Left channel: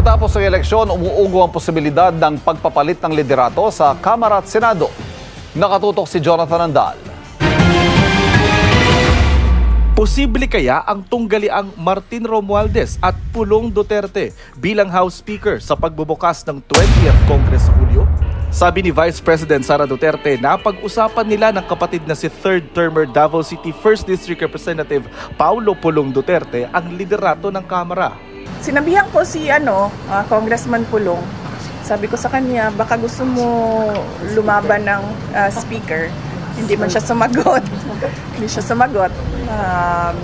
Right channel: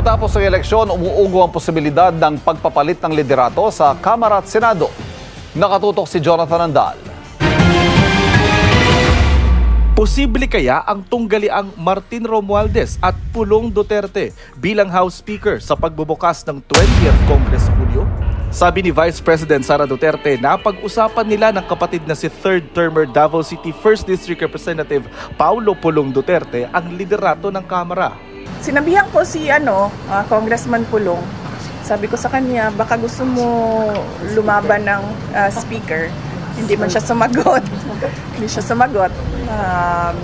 Matapos ang eleksyon, umuugo ang posibilidad ng pagpapalit ng liderato sa Kamara at Senado. Nakatutok si Jonathan Andal. Posible kaya ang tunggaliang Martin Romualdez at Pulong Duterte bilang House Speaker sa pagbubukas ng 20th Congress sa Hulyo? Sabi ni Vice President Sara Duterte na pag-usapan nila ng kapatid na si third-termer Davao City 1st District Representative Paulo Pulong Duterte ang liderato ng Kamara. Sinabihan ko si Congressman Pulong. Sabi ko sa kanya, baka gusto mo lumaban ng speaker. Hindi man siya sumagot. Hindi siya sumagot.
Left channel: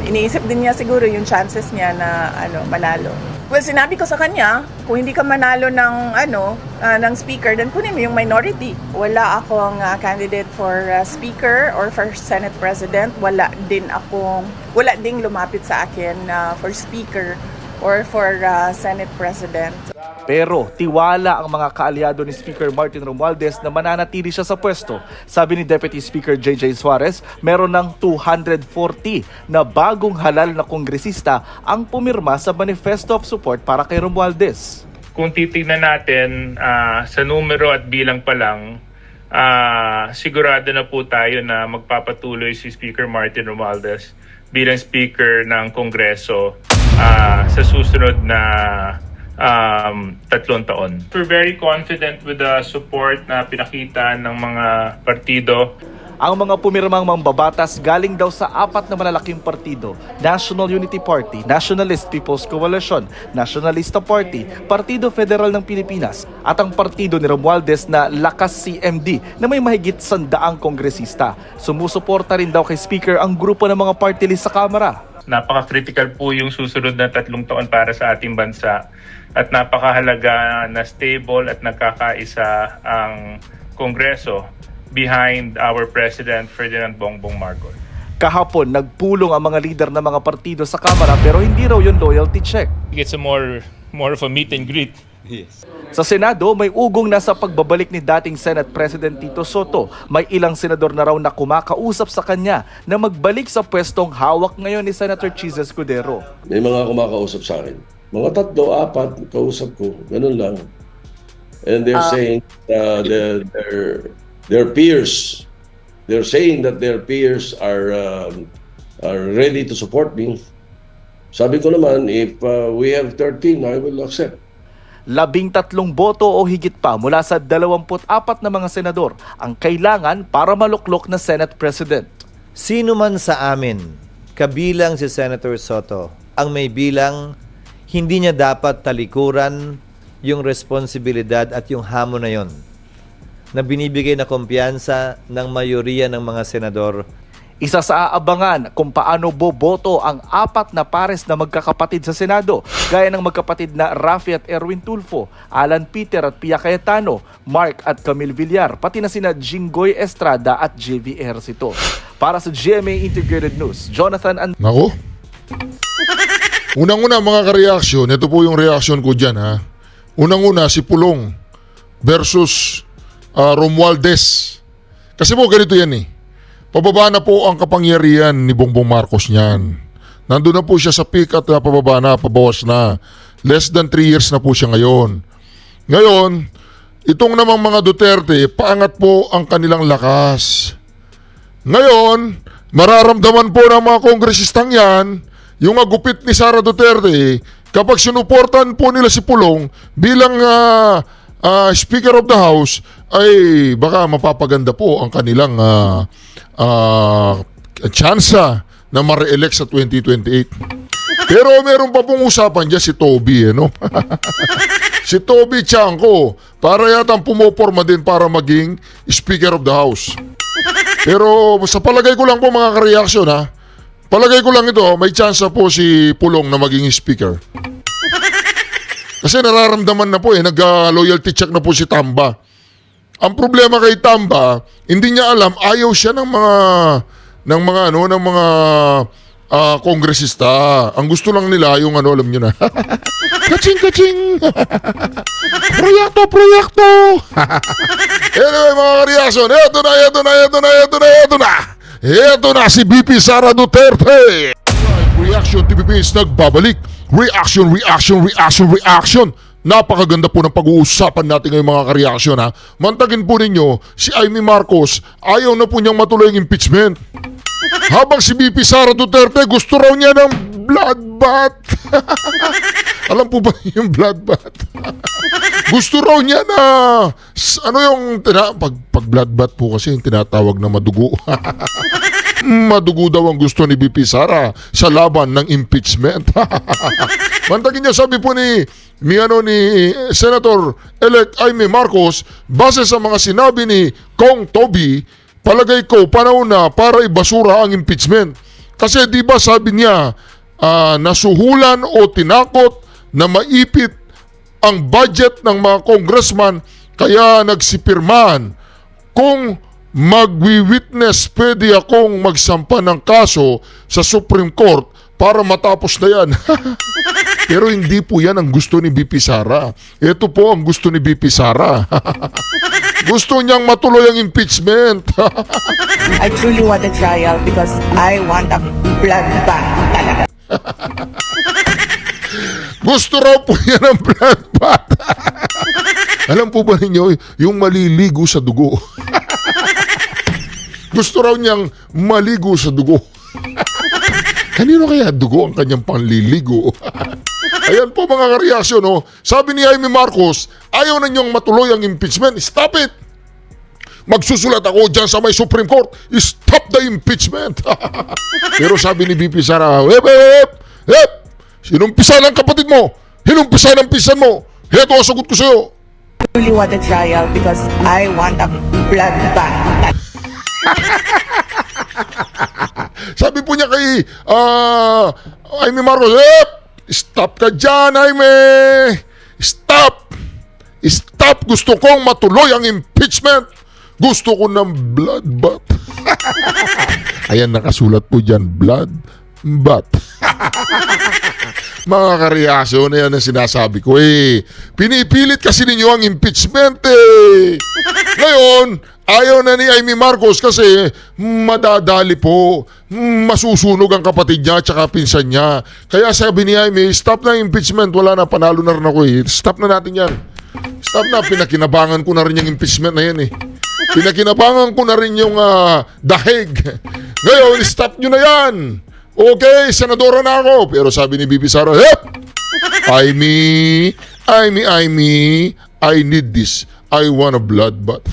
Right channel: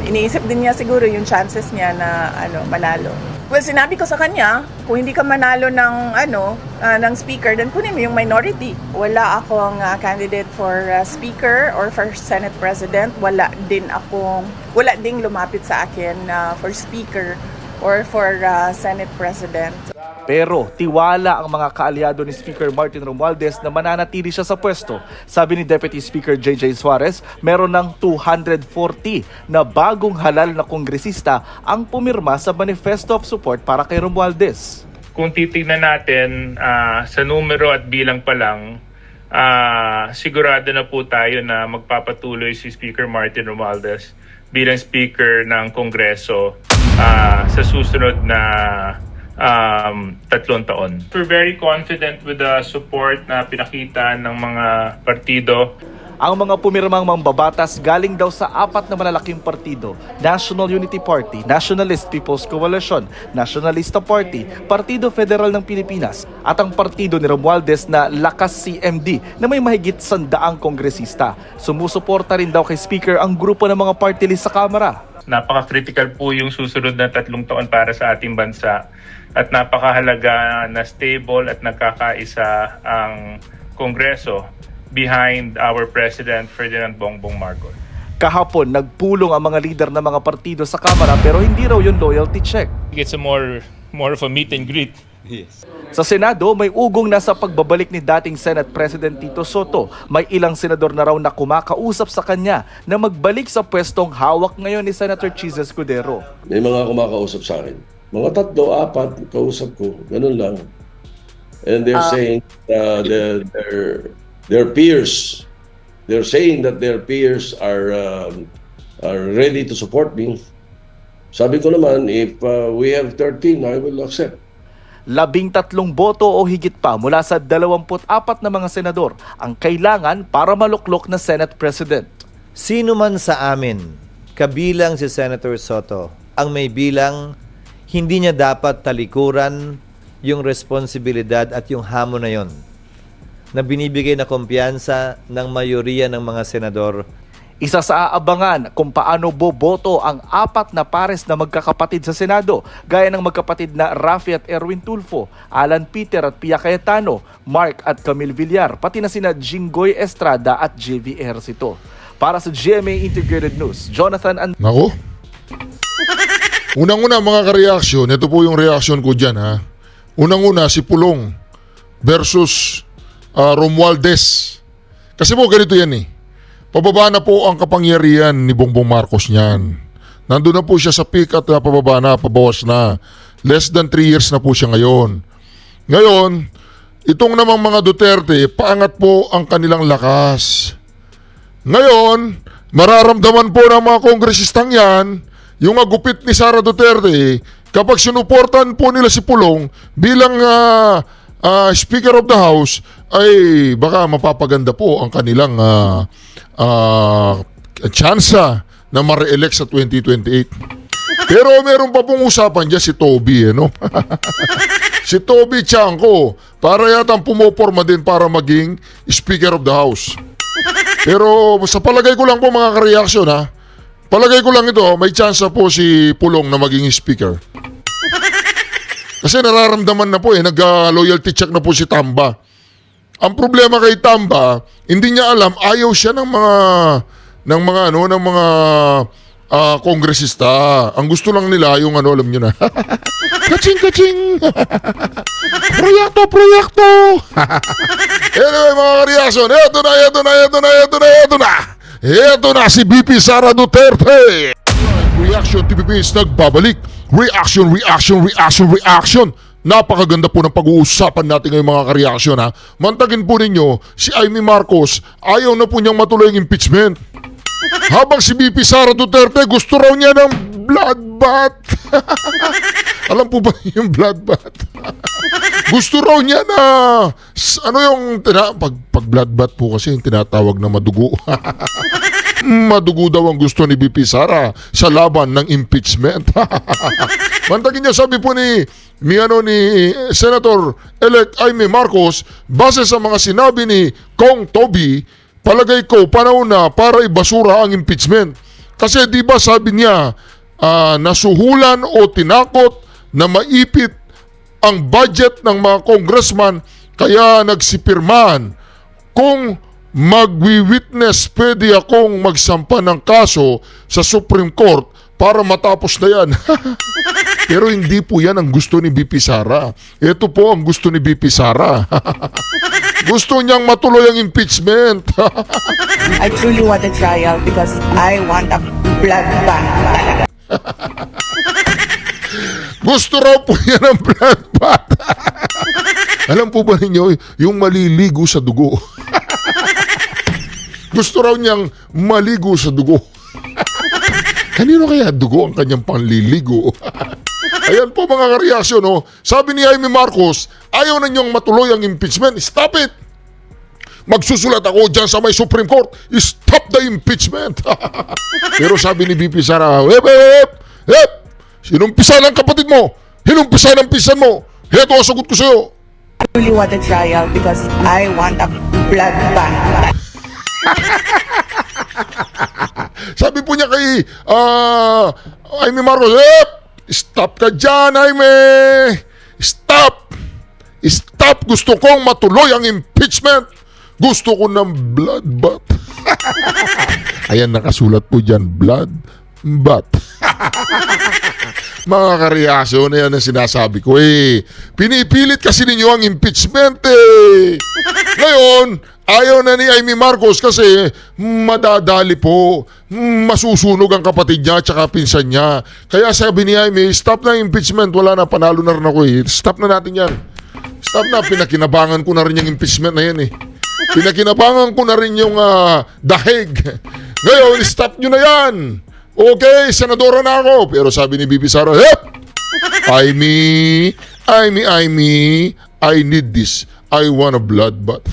Iniisip din niya siguro yung chances niya na manalo. Well, sinabi ko sa kanya, kung hindi ka manalo ng speaker, then kunin mo yung minority. Wala akong candidate for speaker or for Senate President. Wala ding lumapit sa akin for speaker or for Senate President. Pero tiwala ang mga kaalyado ni Speaker Martin Romualdez na mananatili siya sa pwesto. Sabi ni Deputy Speaker JJ Suarez, meron ng 240 na bagong halal na kongresista ang pumirma sa Manifesto of Support para kay Romualdez. Kung titignan natin sa numero at bilang pa lang, sigurado na po tayo na magpapatuloy si Speaker Martin Romualdez bilang Speaker ng Kongreso sa susunod na 3 taon. We're very confident with the support na pinakita ng mga partido. Ang mga pumirmang mambabatas galing daw sa 4 na malalaking partido: National Unity Party, Nationalist People's Coalition, Nationalista Party, Partido Federal ng Pilipinas, at ang partido ni Romualdez na Lakas CMD na may mahigit 100 kongresista. Sumusuporta rin daw kay Speaker ang grupo ng mga party list sa Kamara. Napaka-critical po yung susunod na 3 taon para sa ating bansa at napakahalaga na stable at nagkakaisa ang Kongreso behind our President Ferdinand Bongbong Marcos. Kahapon, nagpulong ang mga lider ng mga partido sa Kamara pero hindi raw yung loyalty check. It's a more of a meet and greet. Yes. Sa Senado, may ugong na sa pagbabalik ni dating Senate President Tito Soto. May ilang senador na raw na kumakausap sa kanya na magbalik sa pwestong hawak ngayon ni Senator Chis Escudero. May mga kumakausap sa akin. Mga 3, 4, kausap ko. Ganun lang. And they're saying their peers, they're saying that their peers are ready to support me. Sabi ko naman, if we have 13, I will accept. 13 boto o higit pa mula sa 24 na mga senador ang kailangan para maluklok na Senate President. Sino man sa amin, kabilang si Senator Soto, ang may bilang, hindi niya dapat talikuran yung responsibilidad at yung hamon na yon na binibigay na kumpiyansa ng mayoriya ng mga senador. Isa sa aabangan kung paano boboto ang 4 na pares na magkakapatid sa Senado, gaya ng magkapatid na Rafi at Erwin Tulfo, Alan Peter at Pia Cayetano, Mark at Camille Villar, pati na sina Jinggoy Estrada at JV Ejercito. Para sa GMA Integrated News, Jonathan and... Nako. Unang-una mga ka-reaksyon, ito po yung reaksyon ko dyan ha. Unang-una si Pulong versus Romualdez. Kasi po ganito yan eh. Pababa na po ang kapangyarihan ni Bongbong Marcos niyan. Nandun na po siya sa peak at pababa na, pabawas na. Less than 3 years na po siya ngayon. Ngayon, itong namang mga Duterte, paangat po ang kanilang lakas. Ngayon, mararamdaman po ng mga kongresistang yan, yung agupit ni Sara Duterte, kapag sinuportan po nila si Pulong bilang Speaker of the House, ay baka mapapaganda po ang kanilang tsansa na ma-re-elect sa 2028. Pero meron pa pong usapan dyan si Toby, no? Si Toby Chanco, para yatang pumoporma din para maging Speaker of the House. Pero sa palagay ko lang po mga ka-reaksyon ha, palagay ko lang ito, may tsansa po si Pulong na maging Speaker. Kasi nararamdaman na po nag-loyalty check na po si Tamba. Ang problema kay Tamba, hindi niya alam, ayaw siya ng mga kongresista. Ang gusto lang nila yung alam niyo na. Kaching! Proyekto! Anyway, mga reaction, Ito na si BP Sara Duterte. Reaction TVP is nagbabalik. Reaction. napakaganda po ng pag-uusapan natin ngayong mga kareaksyon ha. Mantagin po ninyo, si Amy Marcos, ayaw na po niyang matuloy ang impeachment. Habang si BP Sara Duterte, gusto raw niya ng bloodbath. Alam po ba yung bloodbath? Gusto raw niya na, ano yung, pag bloodbath po kasi yung tinatawag na madugo. Madugo daw ang gusto ni BP Sara sa laban ng impeachment. Mantagin niya, sabi po ni Senator-elect Amy Marcos, base sa mga sinabi ni Kong Toby, palagay ko panahon na para ibasura ang impeachment. Kasi di ba sabi niya, nasuhulan o tinakot na maipit ang budget ng mga congressman kaya nagsipirman. Kung magwi-witness, pwede akong magsampa ng kaso sa Supreme Court para matapos na yan. Pero hindi po yan ang gusto ni BP Sara. Ito po ang gusto ni BP Sara. Gusto niyang matuloy ang impeachment. I truly want a trial because I want a bloodbath talaga. Gusto raw po yan ang bloodbath. Alam po ba ninyo, yung maliligo sa dugo. Gusto raw niyang maligo sa dugo. Kanino kaya dugo ang kanyang panliligo? Ayan po mga kareaksyon, no? Sabi ni Amy Marcos, ayaw na niyong matuloy ang impeachment. Stop it! Magsusulat ako dyan sa may Supreme Court. Stop the impeachment! Pero sabi ni BP Sara, hep! Sinumpisa ng kapatid mo! Hinumpisa ng pisan mo! Heto ang sagot ko sa'yo! I really want a trial because I want a bloodbath. Sabi po niya kay Amy Marcos, stop ka dyan, Amy! Stop! Stop! Gusto kong matuloy ang impeachment! Gusto ko ng bloodbath. Ayan, nakasulat po dyan, bloodbath. Mga kareaksyon na yan ang sinasabi ko pinipilit kasi ninyo ang impeachment Ngayon, ayaw na ni Amy Marcos kasi madadali po. Masusunog ang kapatid niya at saka pinsan niya. Kaya sabi ni Amy, stop na impeachment. Wala na, panalo na rin ako Stop na natin yan. Stop na, pinakinabangan ko na rin yung impeachment na yan Pinakinabangan ko na rin yung dahig. Ngayon, stop nyo na yan. Okay, senadora na ako. Pero sabi ni BP Sara, Amy, I need this. I want a bloodbath.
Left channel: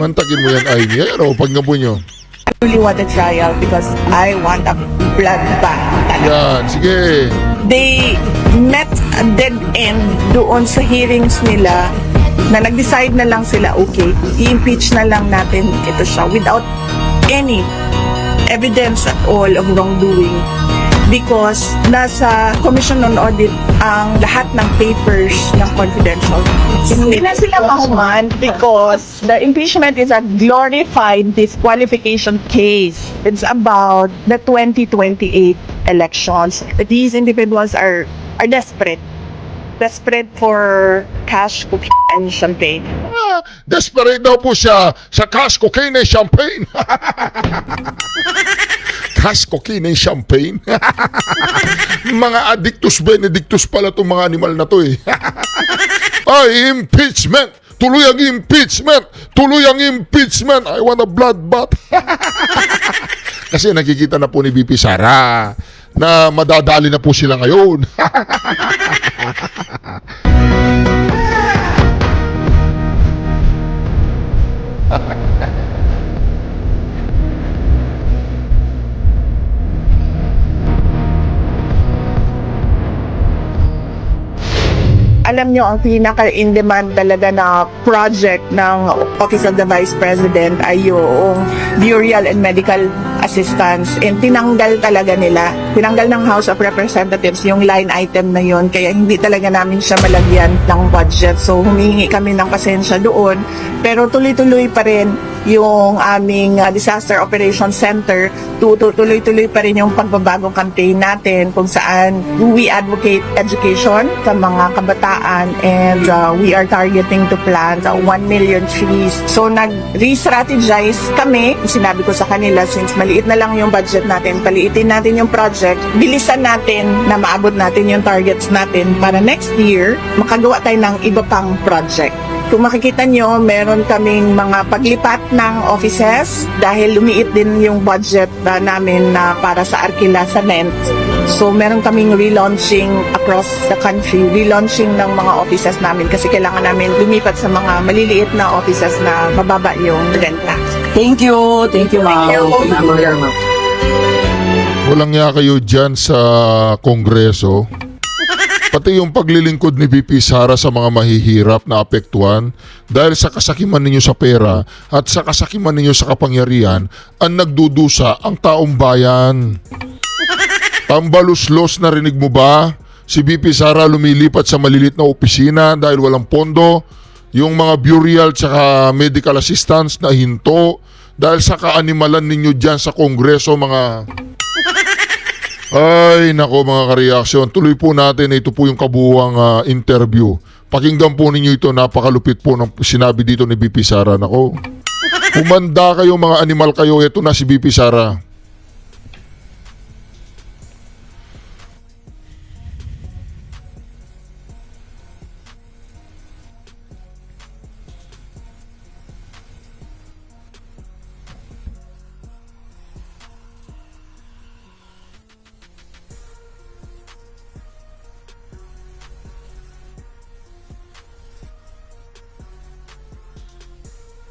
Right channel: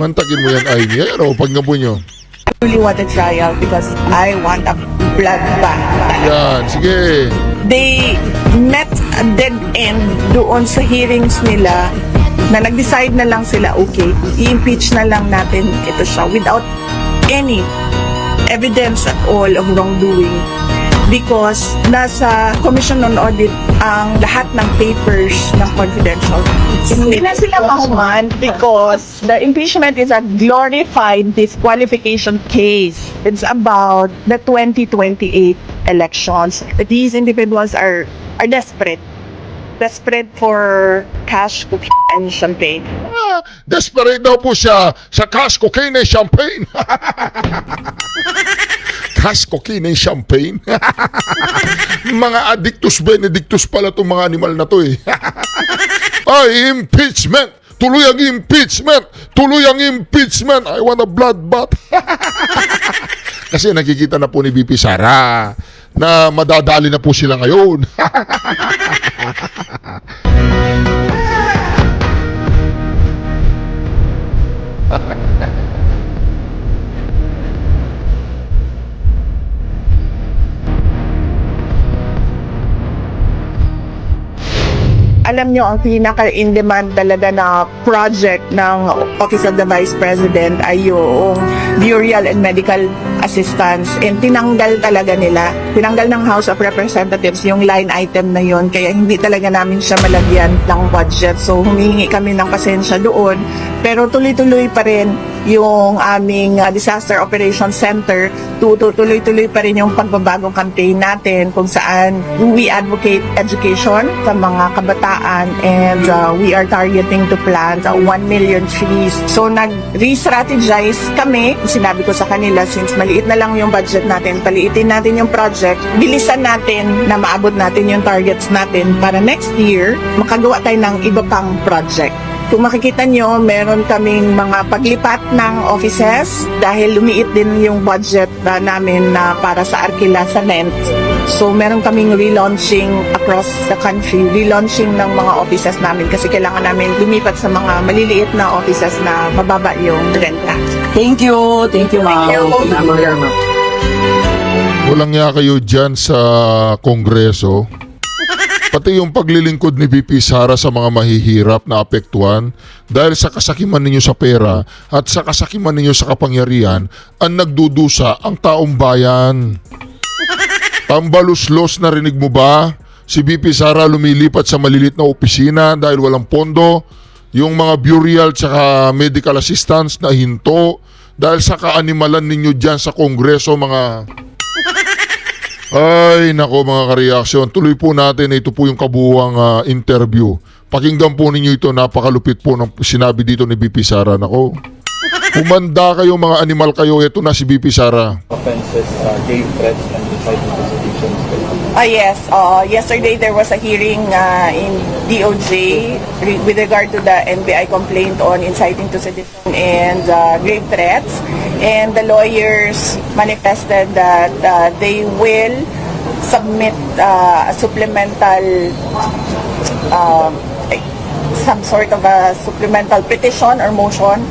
Mantakin mo yan, Amy. Pag napo nyo. I really want a trial because I want a bloodbath talaga. Yan, sige. They met a dead end doon sa hearings nila na nag-decide na lang sila, okay, i-impeach na lang natin ito siya without any evidence at all of wrongdoing because nasa Commission on Audit ang lahat ng papers ng confidential. Hindi na sila mahuman because the impeachment is a glorified disqualification case. It's about the 2028 elections. These individuals are desperate for cash, cookie, and champagne. Desperate daw po siya sa cash, cocaine, and champagne. Cash, cocaine, and champagne. Mga addictus benedictus pala itong mga animal na to Ay, impeachment! Tuloy ang impeachment! Tuloy ang impeachment! I want a bloodbath! Kasi nakikita na po ni BP Sara na madadali na po sila ngayon. Alam nyo, ang pinaka-in-demand talaga na project ng Office of the Vice President ay yung burial and medical assistance. And tinanggal talaga nila. Tinanggal ng House of Representatives yung line item na yon, kaya hindi talaga namin siya malagyan ng budget. So humingi kami ng pasensya doon. Pero tuloy-tuloy pa rin yung aming Disaster Operations Center. Tuloy-tuloy pa rin yung pagbabagong campaign natin kung saan we advocate education sa mga kabataan and we are targeting to plant 1 million trees. So nag-re-strategize kami. Sinabi ko sa kanila since maliit maliit na lang yung budget natin, paliitin natin yung project, bilisan natin na maabot natin yung targets natin para next year, makagawa tayo ng iba pang project. Kung makikita nyo, meron kaming mga paglipat ng offices dahil lumiit din yung budget namin na para sa Arkila sa Lent. So meron kaming relaunching across the country, relaunching ng mga offices namin kasi kailangan namin lumipat sa mga maliliit na offices na mababa yung renta. Thank you, ma'am. Walang nga kayo dyan sa Kongreso. Pati yung paglilingkod ni VP Sara sa mga mahihirap na apektuhan dahil sa kasakiman ninyo sa pera at sa kasakiman ninyo sa kapangyarihan ang nagdudusa ang taong bayan. Tambaluslos, narinig mo ba? Si VP Sara lumilipat sa malilit na opisina dahil walang pondo. Yung mga burial tsaka medical assistance na hinto dahil sa kaanimalan ninyo dyan sa Kongreso, mga... Ay, nako mga kareaksyon. Tuloy po natin. Ito po yung kabuuang interview. Pakinggan po ninyo ito. Napakalupit po ng sinabi dito ni VP Sara. Nako. Humanda kayo, mga animal kayo. Ito na si VP Sara. Offenses, gave threats and inciting prosecutions. Yes, yesterday there was a hearing in DOJ with regard to the NBI complaint on inciting to sedition and grave threats. And the lawyers manifested that they will submit a supplemental, some sort of a supplemental petition or motion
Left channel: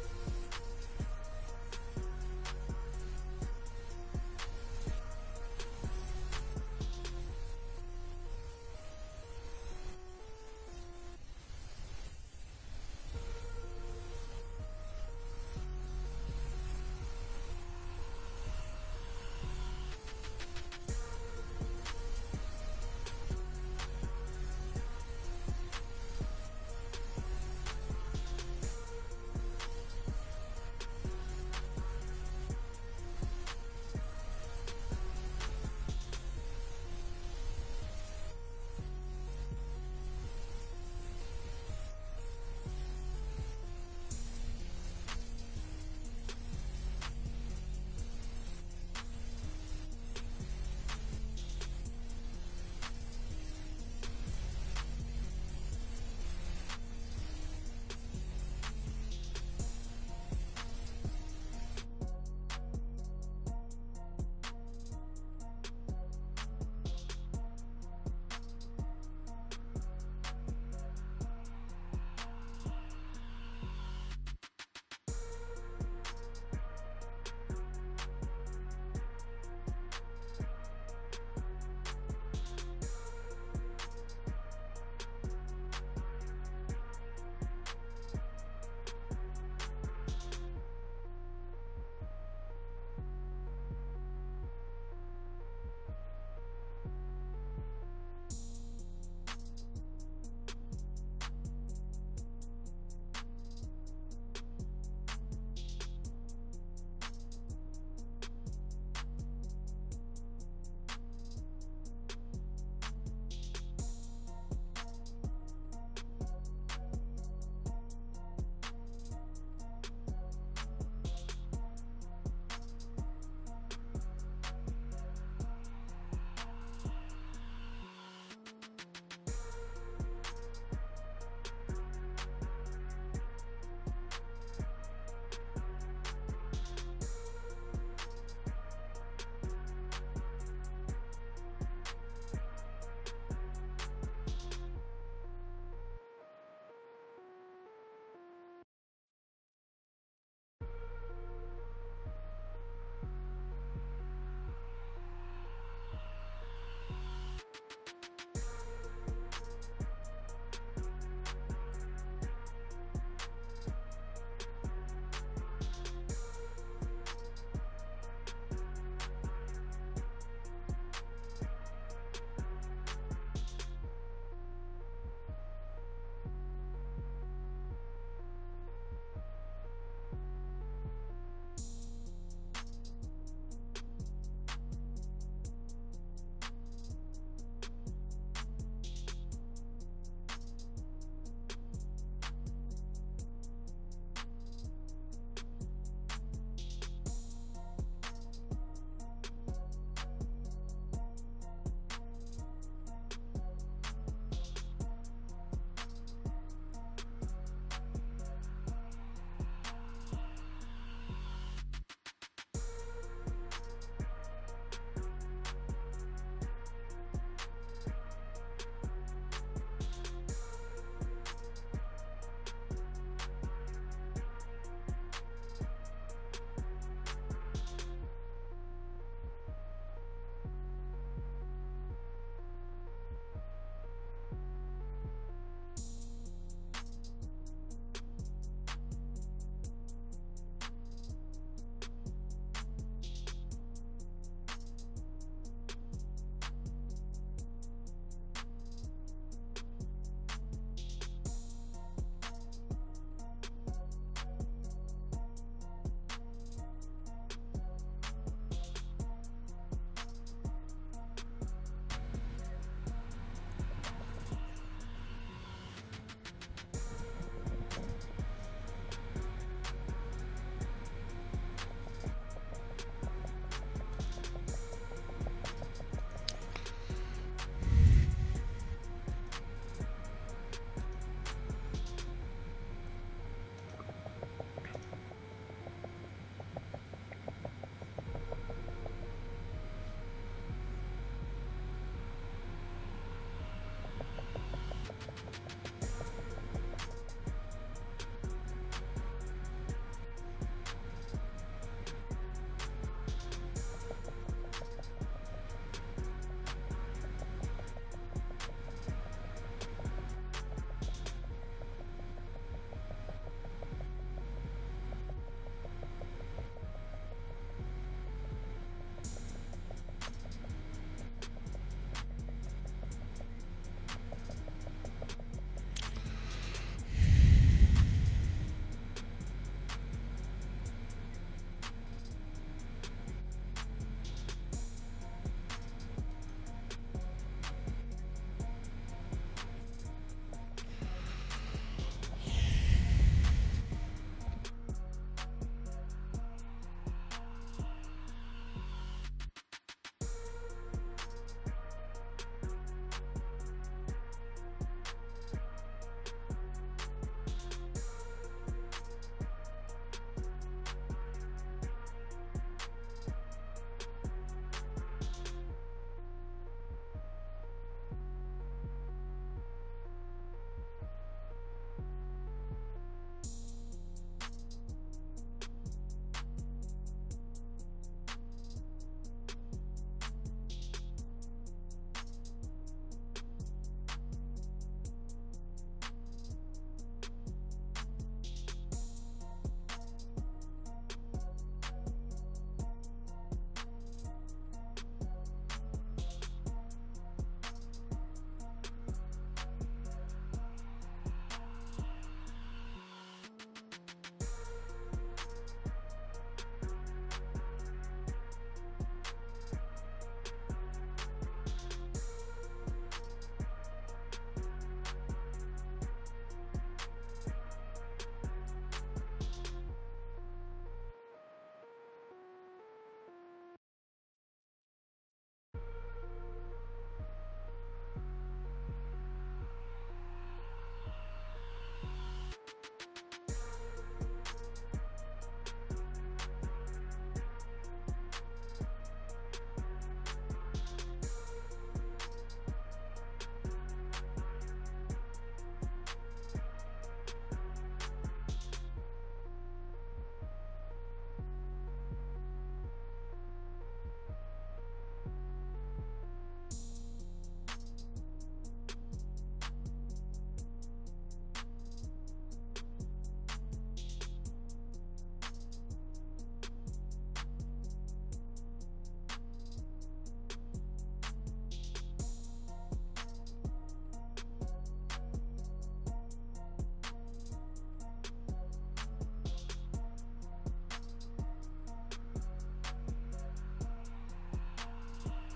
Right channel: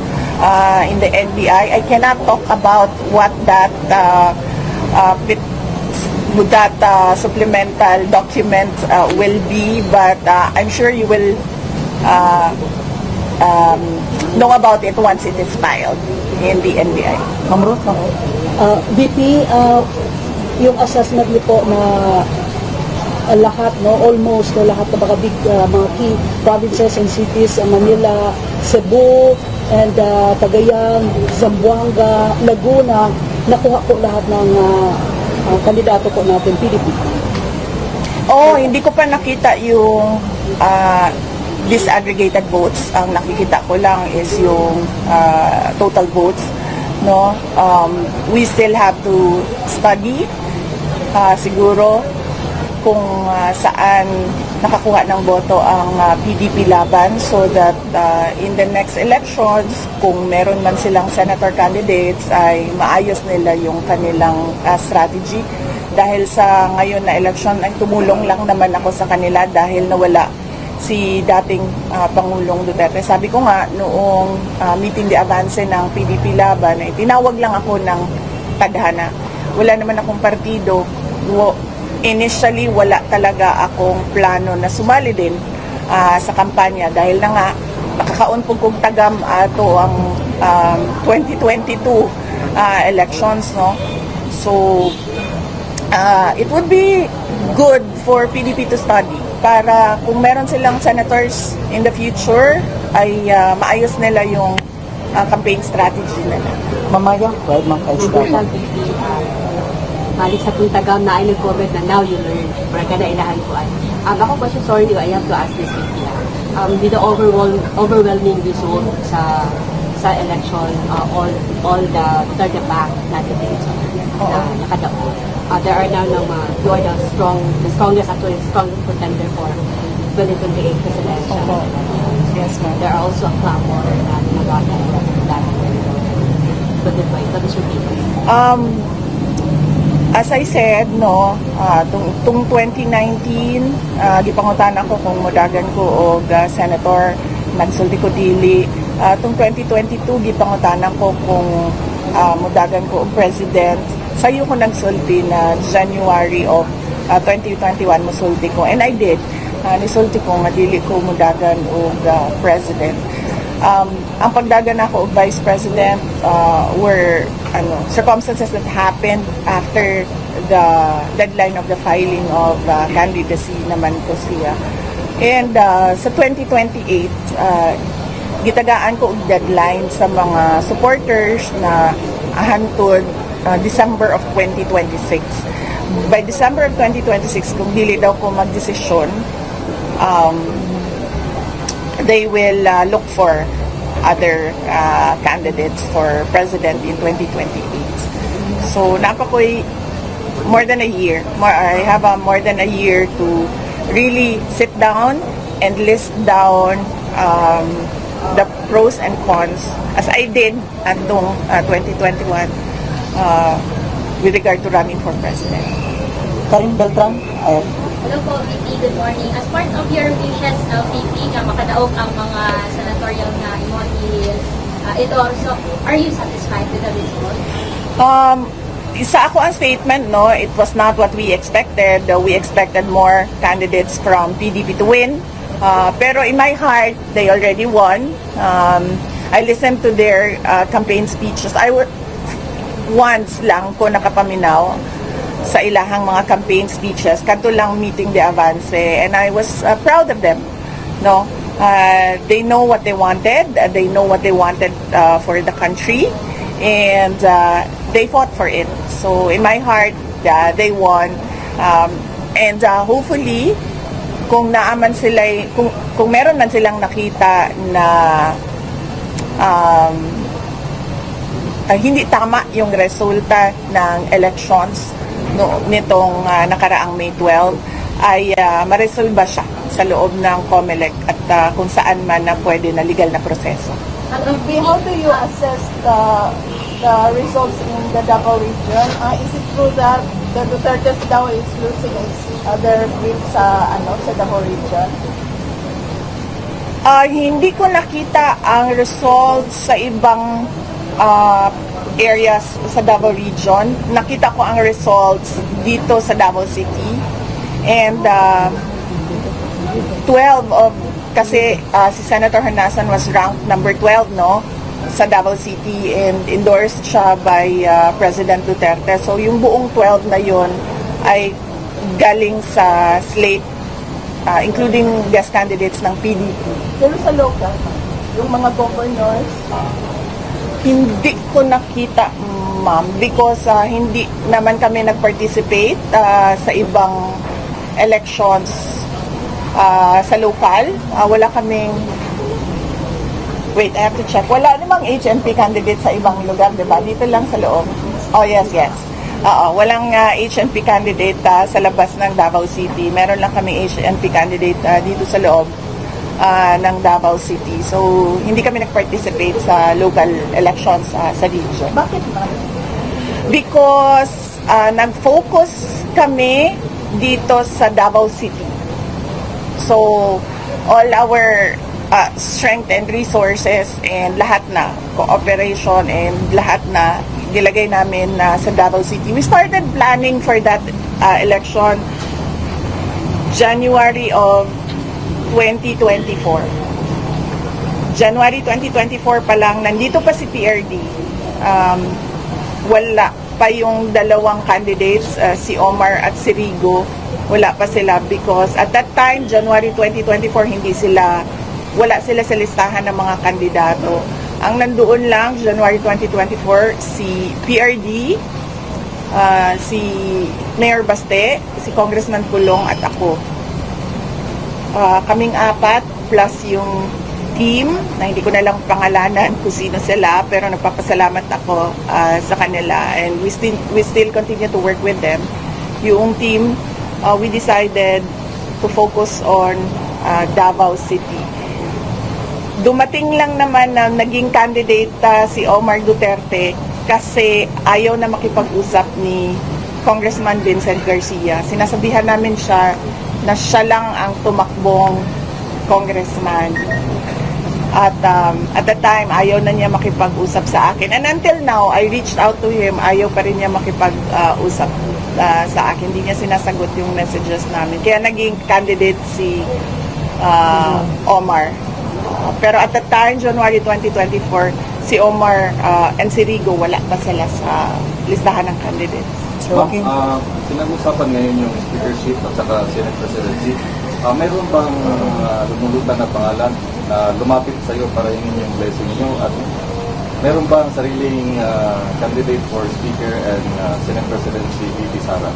in the NBI. I cannot talk about what that supplemental document will be, but I'm sure you will know about it once it is filed in the NBI. Ma'am Ruth, VP, yung assessment niyo po na lahat, no, almost lahat ng mga big mga key provinces and cities, Manila, Cebu, and Cagayan, Zamboanga, Laguna, nakuha po lahat ng kandidato po natin, PDP. Oh, hindi ko pa nakita yung disaggregated votes. Ang nakikita ko lang is yung total votes. No, we still have to study siguro kung saan nakakuha ng boto ang PDP laban so that in the next elections, kung meron man silang senator candidates, ay maayos nila yung kanilang strategy. Dahil sa ngayon na election ay tumulong lang naman ako sa kanila dahil nawala si dating Pangulong Duterte. Sabi ko nga noong meeting de avance ng PDP laban ay tinawag lang ako ng tadhana. Wala naman akong partido. Initially, wala talaga akong plano na sumali din sa kampanya dahil na nga nakakaon po kong tagam ato ang 2022 elections, no? So it would be good for PDP to study para kung meron silang senators in the future ay maayos nila yung campaign strategy nila. Mamaya, right, Ma'am Esther? Balik sa kung tagam na ay nag-comment na now you learn. Para ka na ilahan ko ay. Ako pa siya, sorry, I have to ask this week. With the overwhelming result sa election, all the third back natin dito na nakadapo. There are now you are the strongest contender for 2028 presidential. Yes, ma'am. There are also a clamor na nagawa that 2028. What is your take? As I said, no, tung 2019, gipangutan ako kung mudagan ko og senator, nagsulti ko dili. Tung 2022, gipangutan ako kung mudagan ko og president. Sayo ko nagsulti na January of 2021 musulti ko. And I did. Nisulti ko nga dili ko mudagan og president. Ang pagdagan ako og vice president were circumstances that happened after the deadline of the filing of candidacy naman ko siya. And sa 2028, gitagaan ko og deadline sa mga supporters na hantod December of 2026. By December of 2026, kung dili daw ko magdesisyon, they will look for other candidates for president in 2028. So napakoy more than a year. I have more than a year to really sit down and list down the pros and cons as I did at 2021 with regard to running for president. Karin Beltran, Hello po, VP. Good morning. As part of your wishes, VP, nga makadaog ang mga senatorial na ito, so are you satisfied with the result? Sa ako ang statement, no, it was not what we expected. We expected more candidates from PDP to win. Pero in my heart, they already won. I listened to their campaign speeches. Once lang ko nakapaminaw sa ilahang mga campaign speeches, kadto lang meeting de Avance, and I was proud of them. No, they know what they wanted. They know what they wanted for the country, and they fought for it. So in my heart, they won, and hopefully, kung naaman sila, kung meron man silang nakita na hindi tama yung resulta ng elections nitong nakaraang May 12, ay maresolba siya sa loob ng COMELEC at kung saan man na pwede na legal na proseso. How do you assess the results in the Davao region? Is it true that the Duterte's daw is losing its other bid sa Davao region? Hindi ko nakita ang results sa ibang areas sa Davao region. Nakita ko ang results dito sa Davao City. And 12 of, kasi si Senator Honasan was ranked number 12, no, sa Davao City, and endorsed siya by President Duterte. So yung buong 12 na yon ay galing sa slate, including guest candidates ng PDP. Pero sa local, yung mga governors, hindi ko nakita, ma'am, because hindi naman kami nag-participate sa ibang elections sa local. Wala kaming, wait, I have to check. Wala namang HNP candidate sa ibang lugar, di ba? Dito lang sa loob. Oh, yes, yes. Walang HNP candidate sa labas ng Davao City. Meron lang kami HNP candidate dito sa loob ng Davao City. So, hindi kami nag-participate sa local elections sa region. bakit ba? Because nag-focus kami dito sa Davao City. So, all our strength and resources and lahat na, cooperation and lahat na, nilagay namin sa Davao City. We started planning for that election January of 2024. January 2024 pa lang, nandito pa si PRD. Wala pa yung dalawang candidates, si Omar at si Rigo. Wala pa sila because at that time, January 2024, wala sila sa listahan ng mga kandidato. Ang nandoon lang, January 2024, si PRD, si Mayor Baste, si Congressman Pulong at ako. Kaming apat plus yung team na hindi ko na lang pangalanan kung sino sila, pero nagpapasalamat ako sa kanila, and we still continue to work with them. Yung team, we decided to focus on Davao City. Dumating lang naman na naging candidate si Omar Duterte kasi ayaw na makipag-usap ni Congressman Vincent Garcia. Sinasabihan namin siya na siya lang ang tumakbong congressman. At the time, ayaw na niya makipag-usap sa akin. And until now, I reached out to him, ayaw pa rin niya makipag-usap sa akin. Hindi niya sinasagot yung messages namin. Kaya naging candidate si Omar. Pero at the time, January 2024, si Omar and si Rigo, wala pa sila sa listahan ng candidates. Ma'am, pinag-usapan ngayon yung speakership at saka Senate presidency. Mayroon bang lumulutan na pangalan na lumapit sa iyo para hingin yung blessing niyo? At meron bang sariling candidate for speaker and Senate presidency, VP Sara?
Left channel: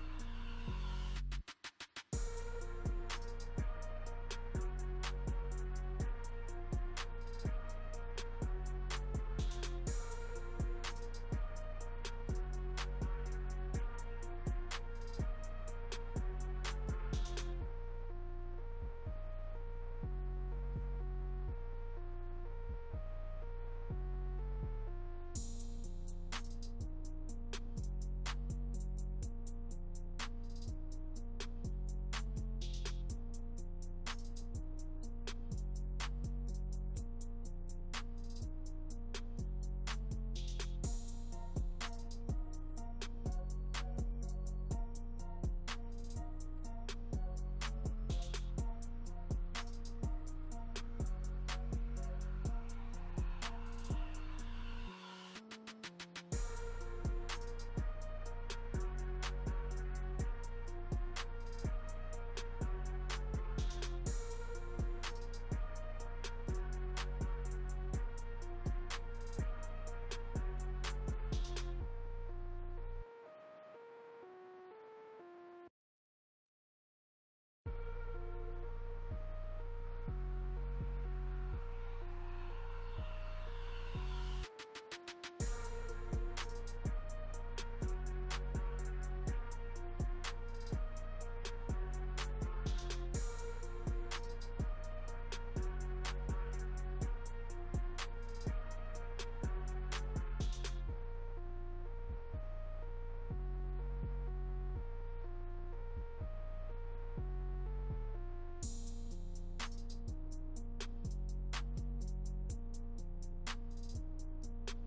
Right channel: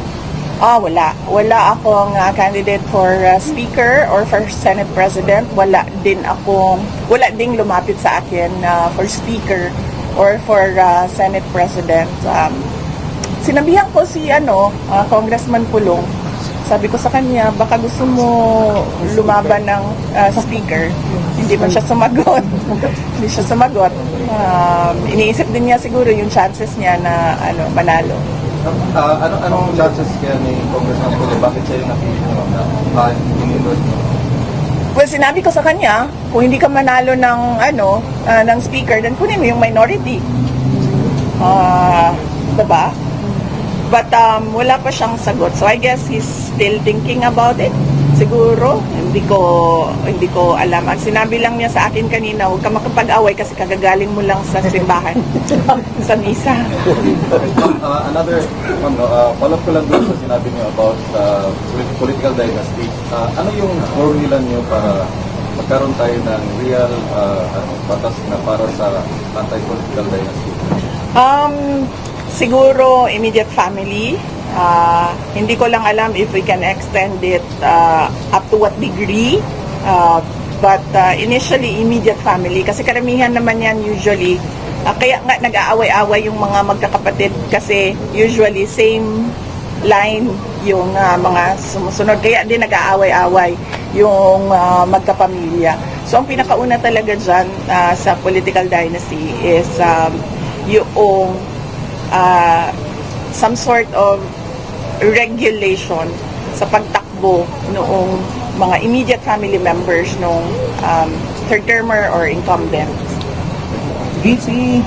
Wala. Wala akong candidate for speaker or for Senate president. Wala ding lumapit sa akin for speaker or for Senate president. Sinabihan ko si Congressman Pulong. Sabi ko sa kanya, baka gusto mo lumaban ng speaker. Hindi man siya sumagot. Hindi siya sumagot. Iniisip din niya siguro yung chances niya na manalo. Anong chances kaya ni Congressman Pulong? Bakit siya yung napili mo na in-endorse mo? Well, sinabi ko sa kanya, kung hindi ka manalo ng ng speaker, then kunin mo yung minority. Diba? But wala pa siyang sagot. So I guess he's still thinking about it. Siguro, hindi ko alam. Ang sinabi lang niya sa akin kanina, huwag ka makapag-away kasi kagagaling mo lang sa simbahan, sa misa. Another follow-up ko lang doon sa sinabi niyo about political dynasty. Ano yung formula niyo para magkaroon tayo ng real batas na para sa anti-political dynasty? Siguro immediate family. Hindi ko lang alam if we can extend it up to what degree. But initially immediate family kasi karamihan naman yan usually. Kaya nga nag-aaway-away yung mga magkakapatid kasi usually same line yung mga sumusunod. Kaya din nag-aaway-away yung magkapamilya. So ang pinakauna talaga dyan sa political dynasty is yung some sort of regulation sa pagtakbo noong mga immediate family members nung third termer or incumbents. VP,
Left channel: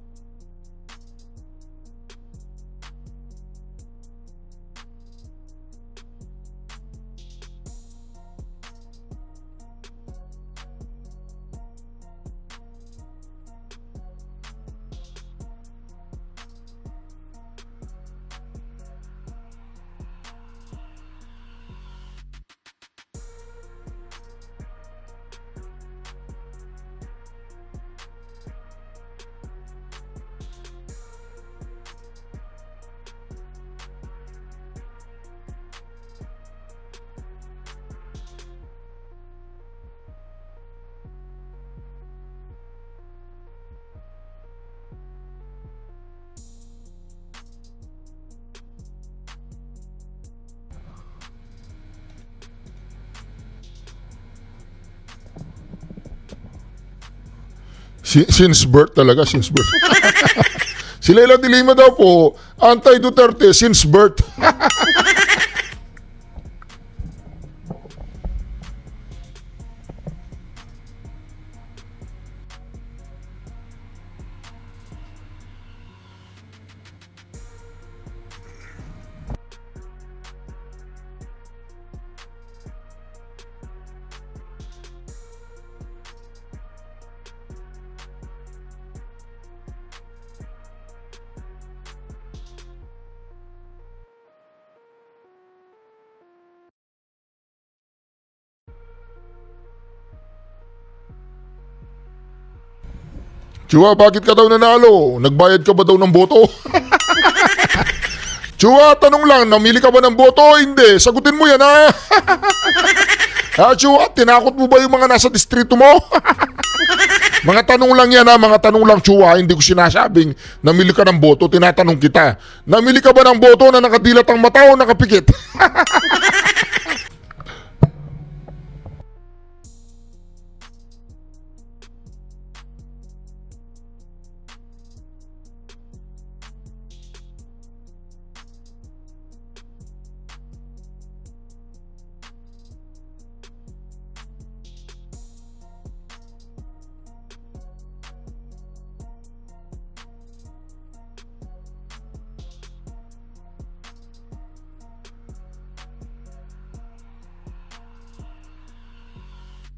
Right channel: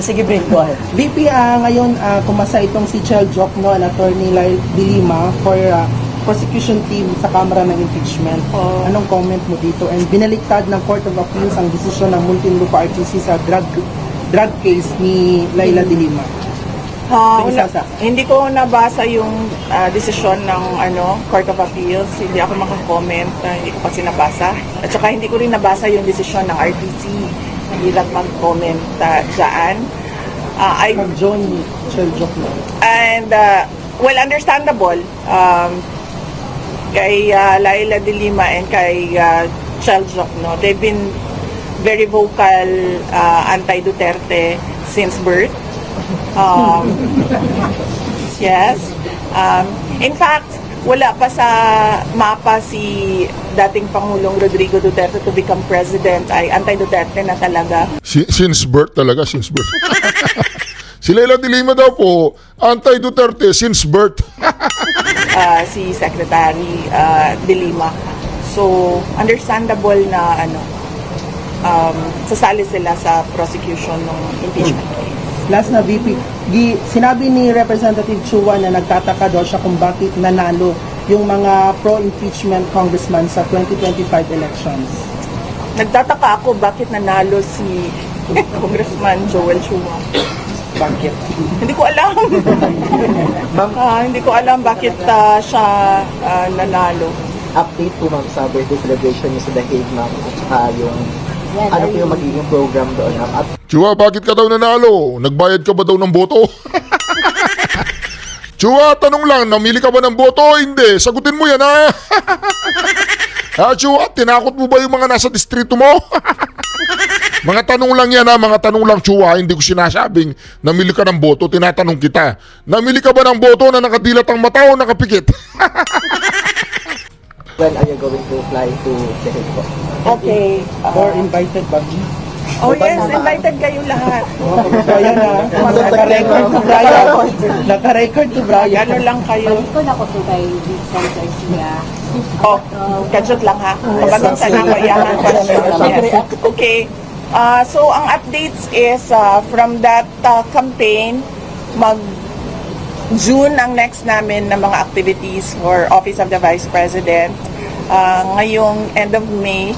sige, Brent, go ahead. VP, ngayon kumasa itong si Chel Jokno and Attorney Lyle De Lima for prosecution team sa Kamara ng Impeachment. Anong comment mo dito? And binaliktad ng Court of Appeals ang desisyon ng Muntinlupa RTC sa drug case ni Laila De Lima. Hindi ko nabasa yung desisyon ng Court of Appeals. Hindi ako makakomment. Hindi ko kasi nabasa. At saka hindi ko rin nabasa yung desisyon ng RTC. Hindi lang mag-comment dyan. John Chel Jokno. And, well, understandable. Kay Laila De Lima and kay Chel Jokno, they've been very vocal anti-Duterte since birth. Yes. In fact, wala pa sa mapa si dating Pangulong Rodrigo Duterte to become president ay anti-Duterte na talaga. Since birth talaga, since birth. Si Laila De Lima daw po, anti-Duterte since birth. Si Secretary De Lima. So, understandable na sasali sila sa prosecution ng impeachment case. Last na VP, sinabi ni Representative Chua na nagtataka daw siya kung bakit nanalo yung mga pro-impeachment congressman sa 2025 elections. Nagtataka ako bakit nanalo si Congressman Joel Chua. Bakit? Hindi ko alam. Hindi ko alam bakit siya nanalo. Update po ma'am sa birthday celebration niyo sa The Hague ma'am at saka yung ano po yung magiging program doon ma'am. Chua, bakit ka daw nanalo? Nagbayad ka ba daw ng boto? Chua, tanong lang, namili ka ba ng boto o hindi? Sagutin mo yan, ha? Chua, tinakot mo ba yung mga nasa distrito mo? Mga tanong lang yan, ha? Mga tanong lang, Chua. Hindi ko sinasabing namili ka ng boto, tinatanong kita. Namili ka ba ng boto na nakadilat ang mata o nakapikit? When are you going to fly to The Hague po? Okay. Or invited ba? Oh yes, invited kayo lahat. Brian naka-record to Brian. Naka-record to Brian. Gano'n lang kayo. Balik ko na ako to kay Vincent Garcia. Kajot lang ha. Kabagang sa nang mayahan question. Okay. So ang updates is from that campaign, June ang next namin na mga activities for Office of the Vice President. Ngayong end of May,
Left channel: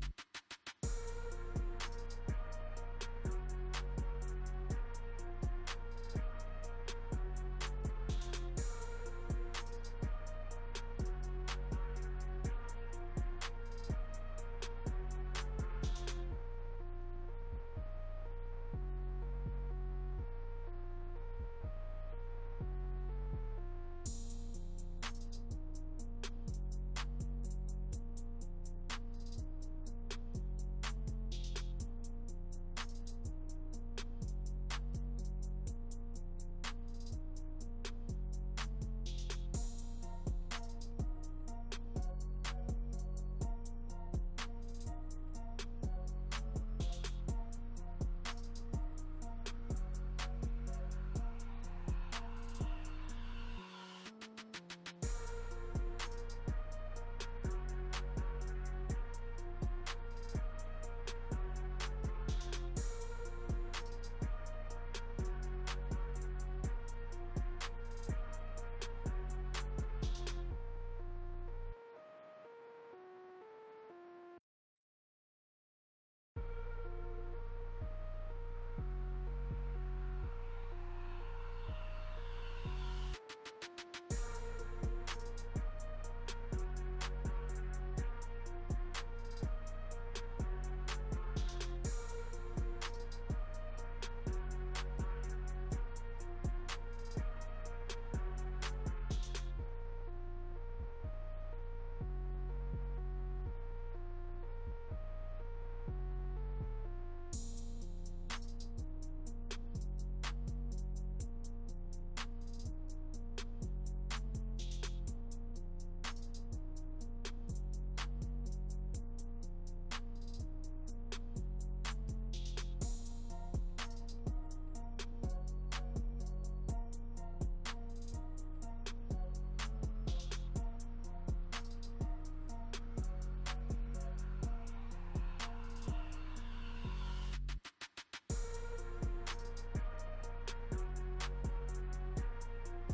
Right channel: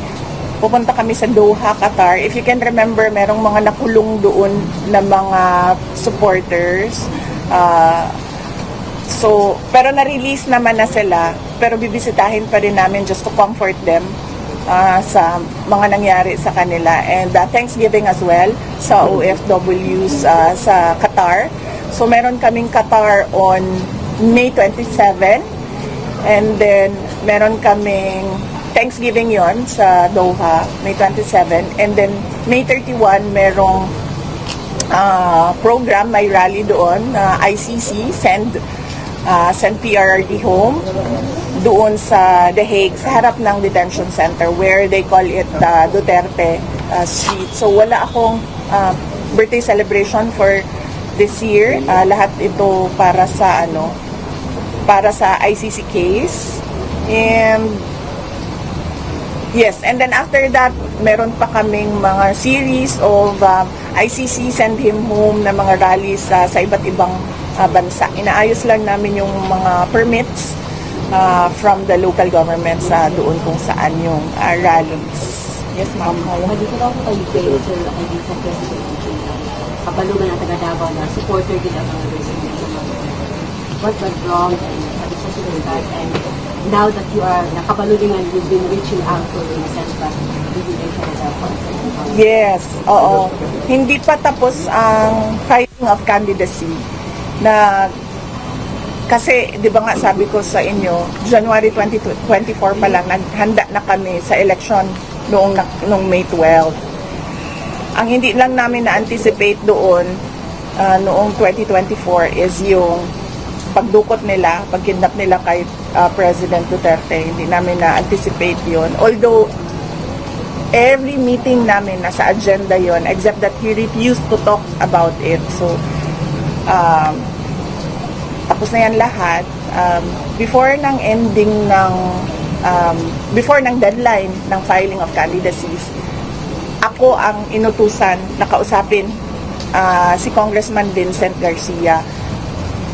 pupunta kami sa Doha, Qatar. If you can remember, merong mga nakulong doon na mga supporters. Pero na-release naman na sila. Pero bibisitahin pa rin namin just to comfort them sa mga nangyari sa kanila. And Thanksgiving as well sa OFWs sa Qatar. So meron kaming Qatar on May 27. And then meron kaming Thanksgiving yon sa Doha, May 27. And then May 31, merong program, may rally doon, ICC, send PRRD home, doon sa The Hague, sa harap ng detention center where they call it Duterte Street. So wala akong birthday celebration for this year. Lahat ito para sa ICC case. And yes, and then after that, meron pa kaming mga series of ICC send him home na mga rallies sa iba't ibang bansa. Inaayos lang namin yung mga permits from the local governments doon kung saan yung rallies. Yes, ma'am. Dito na ako kayo, sir, hindi sa President Kabalo na taga Davao na supporter din ang mga residents. What went wrong and what is such that? And now that you are nakabalo din and you've been reaching out to in a sense that yes, oo. Hindi pa tapos ang filing of candidacy na kasi, di ba nga sabi ko sa inyo, January 2024 pa lang, naghanda na kami sa election noong May 12. Ang hindi lang namin na-anticipate doon noong 2024 is yung pagdukot nila, pagkidnap nila kay President Duterte. Hindi namin na-anticipate yun. Although, every meeting namin nasa agenda yon except that he refused to talk about it. So, tapos na yan lahat. Before ng ending ng before ng deadline ng filing of candidacies, ako ang inutusan na kausapin si Congressman Vincent Garcia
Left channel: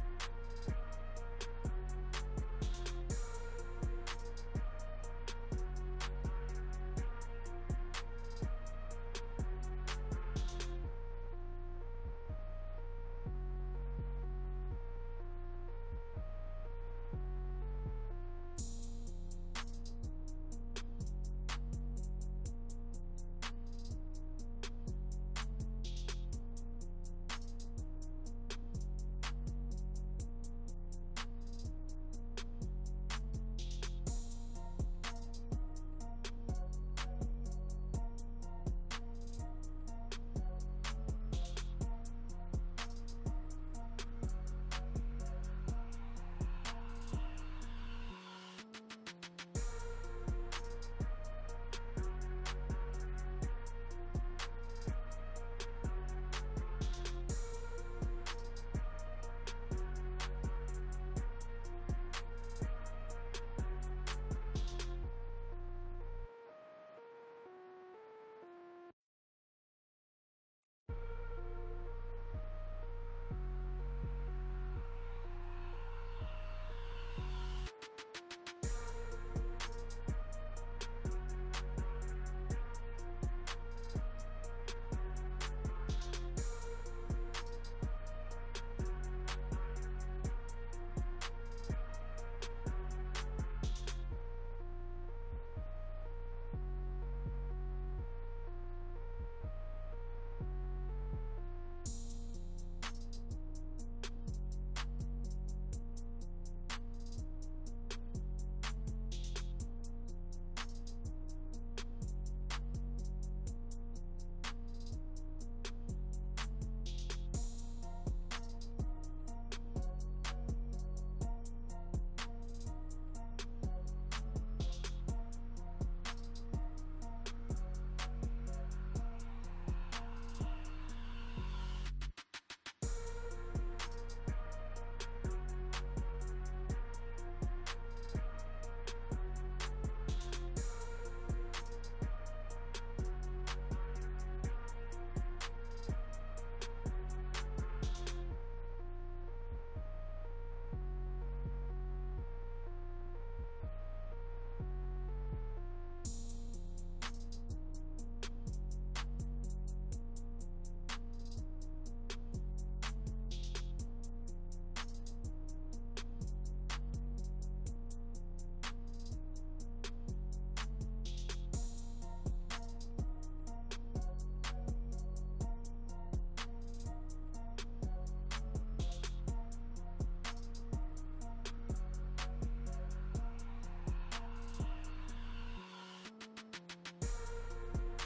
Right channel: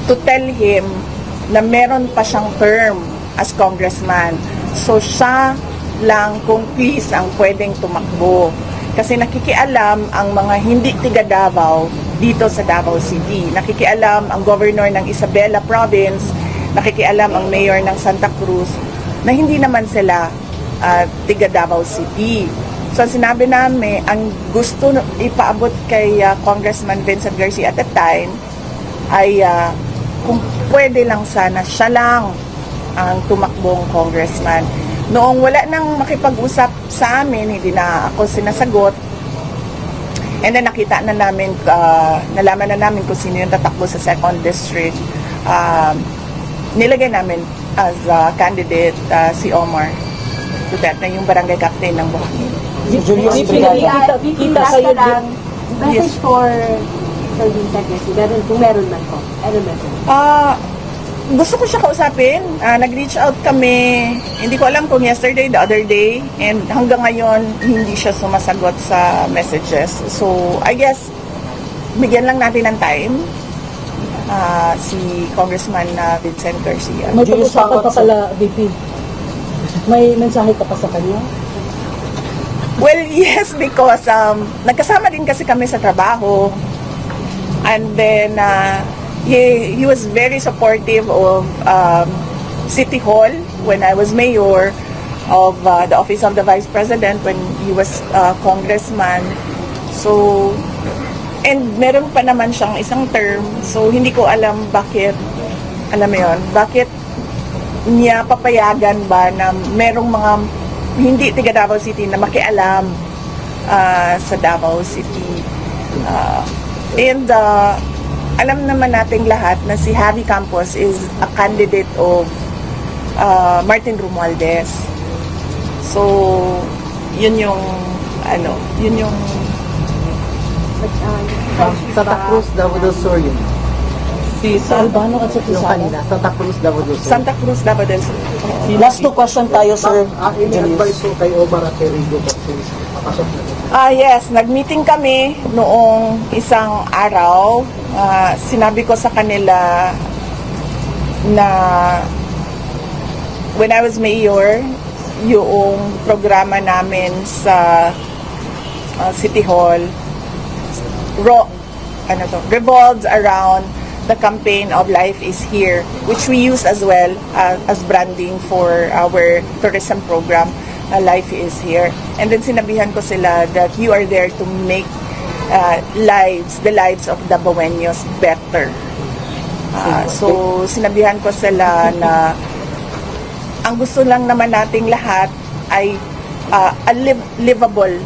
to tell him na meron pa siyang term as congressman. So siya lang kung please ang pwedeng tumakbo. Kasi nakikialam ang mga hindi tiga Davao dito sa Davao City. Nakikialam ang governor ng Isabela Province, nakikialam ang mayor ng Santa Cruz, na hindi naman sila tiga Davao City. So ang sinabi namin, ang gusto ipaabot kay Congressman Vincent Garcia at that time ay kung pwede lang sana siya lang ang tumakbong congressman. Noong wala nang makipag-usap sa amin, hindi na ako sinasagot. And then nakita na namin, nalaman na namin kung sino yung tatakbo sa 2nd District. Nilagay namin as candidate si Omar Duterte, yung barangay captain ng Buhangin. Julius Brigada. Kita kayo lang. Message for Sir Vincent Garcia, kung meron man po. Ano message? Gusto ko siya kausapin. Nag-reach out kami, hindi ko alam kung yesterday, the other day, and hanggang ngayon, hindi siya sumasagot sa messages. So, I guess, bigyan lang natin ng time si Congressman Vincent Garcia. May pag-usapan pa pala, VP. May mensahe ka pa sa kanya? Well, yes, because nagkasama din kasi kami sa trabaho. And then, he was very supportive of City Hall when I was mayor, of the Office of the Vice President when he was congressman. So, and meron pa naman siyang isang term. So, hindi ko alam bakit, alam mo yun, bakit niya papayagan ba na merong mga hindi tiga Davao City na makialam sa Davao City. And alam naman nating lahat na si Javi Campos is a candidate of Martin Romualdez. So, yun yung Santa Cruz, Davao del Sur yun. Si Albano at sa Yung kanina, Santa Cruz, Davao del Sur. Santa Cruz, Davao del Sur. Last 2 question tayo, sir. Ini-advise ko kay Omar at kay Rigo since papasok na. Yes, nag-meeting kami noong isang araw. Sinabi ko sa kanila na when I was mayor, yung programa namin sa City Hall revolves around the campaign of Life is Here, which we use as well as branding for our tourism program, Life is Here. And then sinabihan ko sila that you are there to make the lives of Davaoenos better. So sinabihan ko sila na ang gusto lang naman nating lahat ay a livable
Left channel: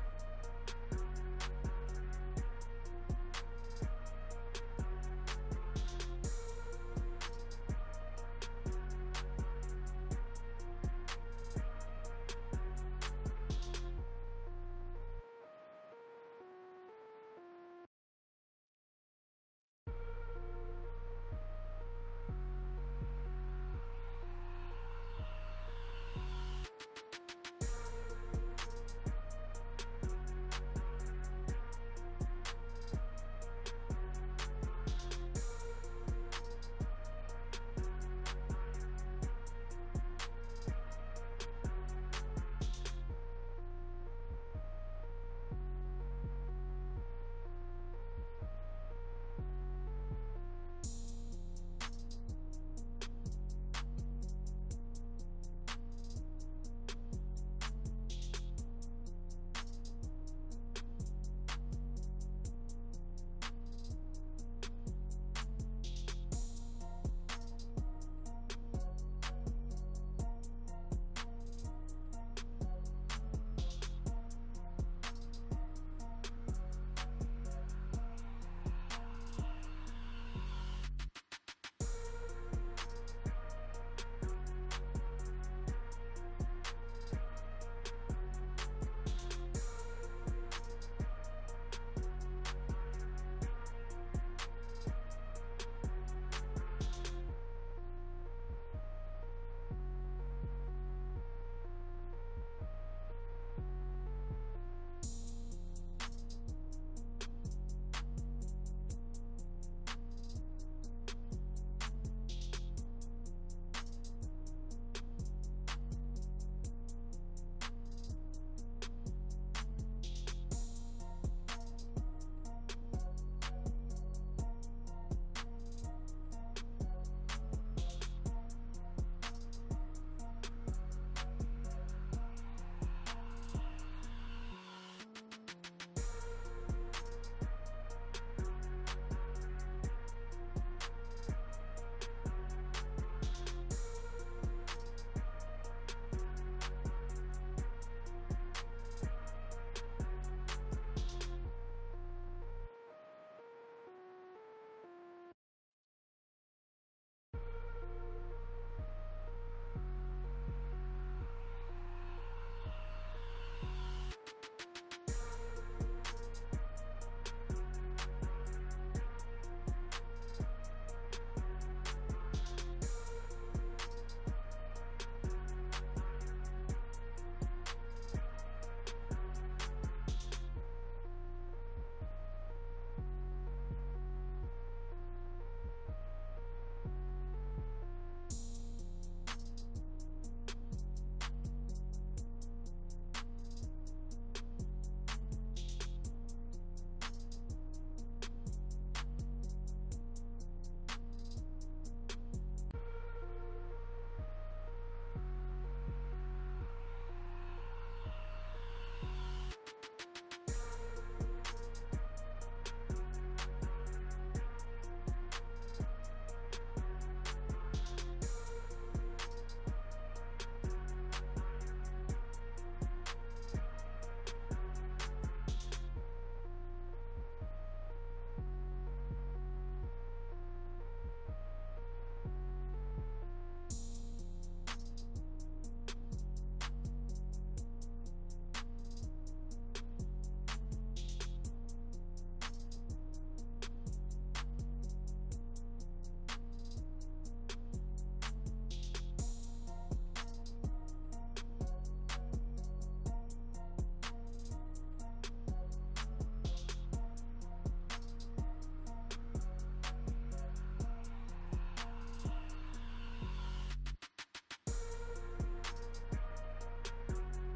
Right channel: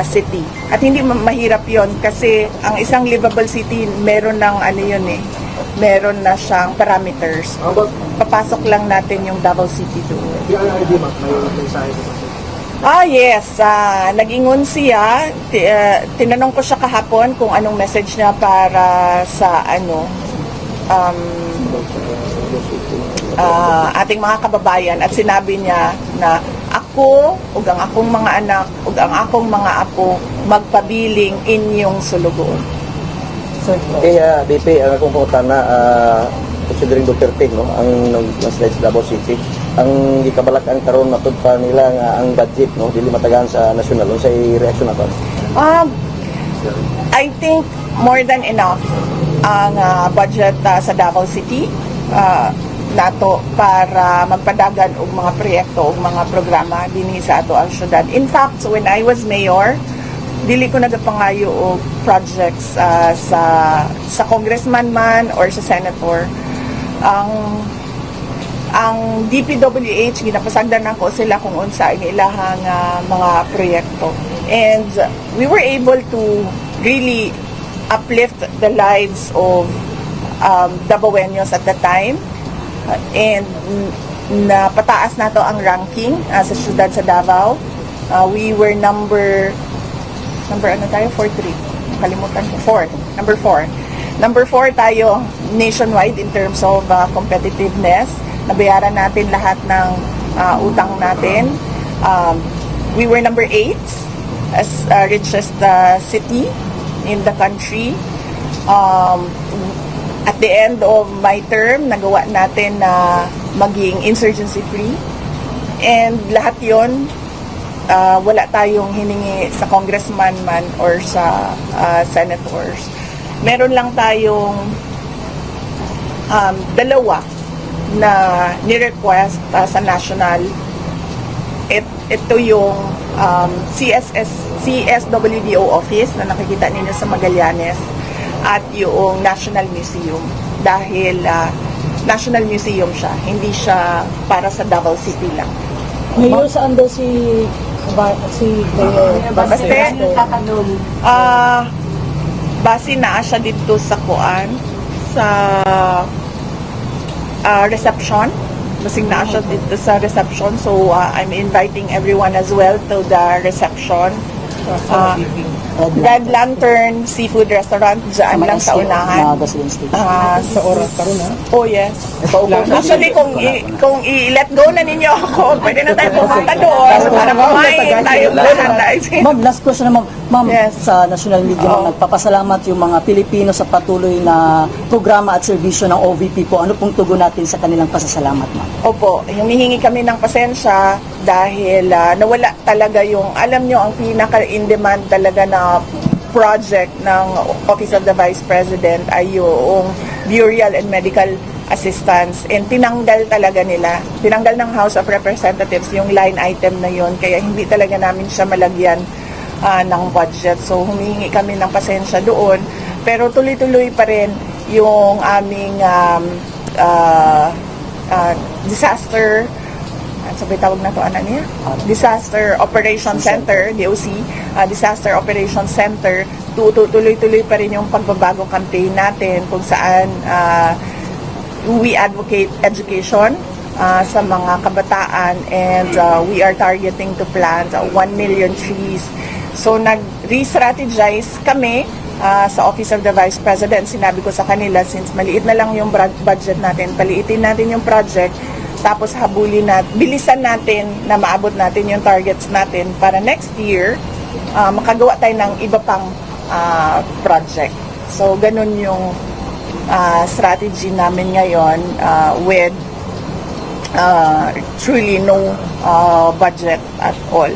city. At hindi mahirap yon kasi ang isang livable city meron ng meron na siyang parameters. Papasok lang natin yung Davao City doon. PRRD, ma'am, may mensahe ko sa Yes. Nag-ingon siya. Tinanong ko siya kahapon kung anong message niya para sa ating mga kababayan at sinabi niya na ako ug ang akong mga anak ug ang akong mga apo magpabiling inyong sulugoon. BP, ang akong punta na considering Duterte, no, ang nag-slide sa Davao City, ang gikabalakan karon matud pa nila nga ang budget, no, dili matagaan sa national. Unsay reaksyon nato? I think more than enough ang budget sa Davao City nato para magpadagan og mga proyekto og mga programa dinhi sa ato ang syudad. In fact, when I was mayor, dili ko nagapangayo og projects sa congressman man or sa senator. Ang DPWH ginapasagdan nako sila kung unsa ang ilahang mga proyekto. And we were able to really uplift the lives of Davaoenos at the time. And napataas nato ang ranking sa syudad sa Davao. We were number 4 kalimutan ko, number 4 tayo nationwide in terms of competitiveness. Nabayaran natin lahat ng utang natin. We were number 8 as richest city in the country. At the end of my term, nagawa natin na maging insurgency free. And lahat yon wala tayong hiningi sa congressman man or sa senators. Meron lang tayong dalawa na ni-request sa national. Ito yung CSWDO office na nakikita ninyo sa Magallanes at yung National Museum dahil National Museum siya, hindi siya para sa Davao City lang. Mayor, saan daw si Mayor Baste? Base na siya dito sa reception. Basing na siya dito sa reception. So, I'm inviting everyone as well to the reception. Red Lantern Seafood Restaurant dyan lang sa unahan. Sa oras karon ha? Oh yes. Actually, kung i-let go na ninyo ako, pwede na tayo pumunta doon para kumain tayo lahat. Ma'am, last question na ma'am. Ma'am, sa national media, nagpapasalamat yung mga Pilipino sa patuloy na programa at serbisyo ng OVP po. Ano pong tugon natin sa kanilang pasasalamat, ma'am? Opo, humihingi kami ng pasensya dahil nawala talaga yung, alam nyo, ang pinaka-in-demand talaga na project ng Office of the Vice President ay yung burial and medical assistance. And tinanggal talaga nila. Tinanggal ng House of Representatives yung line item na yun. Kaya hindi talaga namin siya malagyan ng budget. So humingi kami ng pasensya doon. Pero tuloy-tuloy pa rin yung aming disaster Disaster Operation Center, DOC, Disaster Operation Center. Tuloy-tuloy pa rin yung pagbabago campaign natin kung saan we advocate education sa mga kabataan and we are targeting to plant 1 million trees. So nag-re-strategize kami sa Office of the Vice President. Sinabi ko sa kanila, since maliit na lang yung budget natin, paliitin natin yung project, tapos habulin natin, bilisan natin na maabot natin yung targets natin para next year, makagawa tayo ng iba pang project. So ganun yung strategy namin ngayon with truly no budget at all.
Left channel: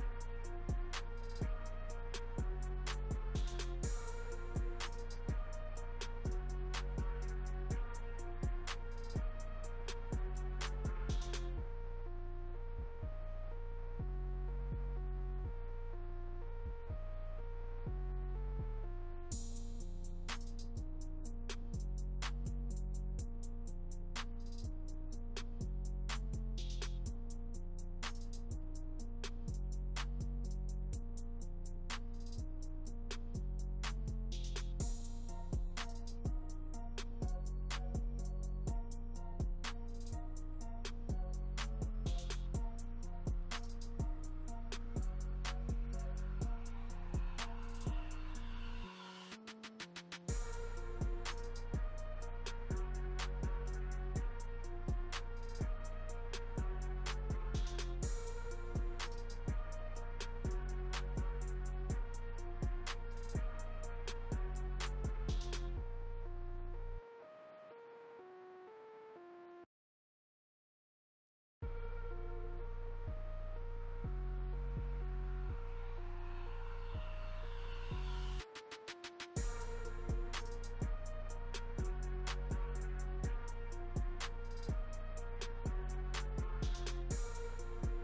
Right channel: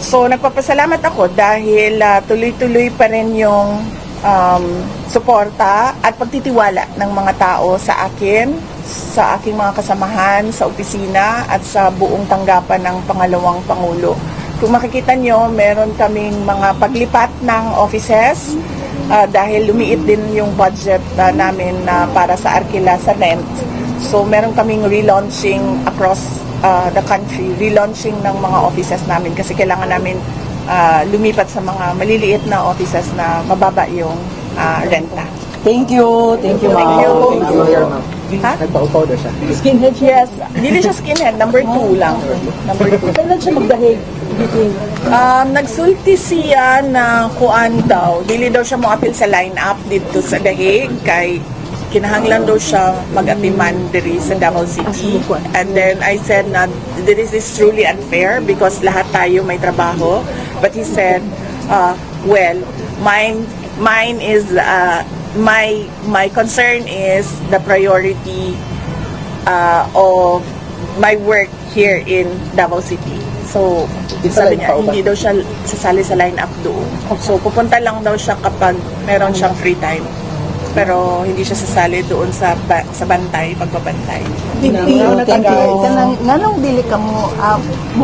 So nagpapasalamat ako dahil tuloy-tuloy pa rin yung suporta at pagtitiwala ng mga tao sa akin, sa aking mga kasamahan sa opisina at sa buong tanggapan ng pangalawang Pangulo. Kung makikita nyo, meron kaming mga paglipat ng offices dahil lumiit din yung budget namin para sa Arkila sa rent. So meron kaming relaunching across the country, relaunching ng mga offices namin kasi kailangan namin lumipat sa mga maliliit na offices na mababa yung renta. Thank you. Thank you, ma'am. Thank you. Thank you. Ha? Nagpa-upaw na siya. Skinhead, yes. Dili siya skinhead, number 2 lang. Number 2. Kailan siya magdahig? Nagsulti siya na kuan daw. Dili daw siya mo-appeal sa line-up dito sa Dahig kay kinahanglan daw siya mag-atiman diri sa Davao City. And then I said na this is truly unfair because lahat tayo may trabaho. But he said, well, mine is my concern is the priority of my work here in Davao City. So, sabi niya, hindi daw siya sasali sa line-up doon. So, pupunta lang daw siya kapag meron siyang free time. Pero hindi siya sasali doon sa bantay, pagbabantay. Thank you. Nganong dili ka mo,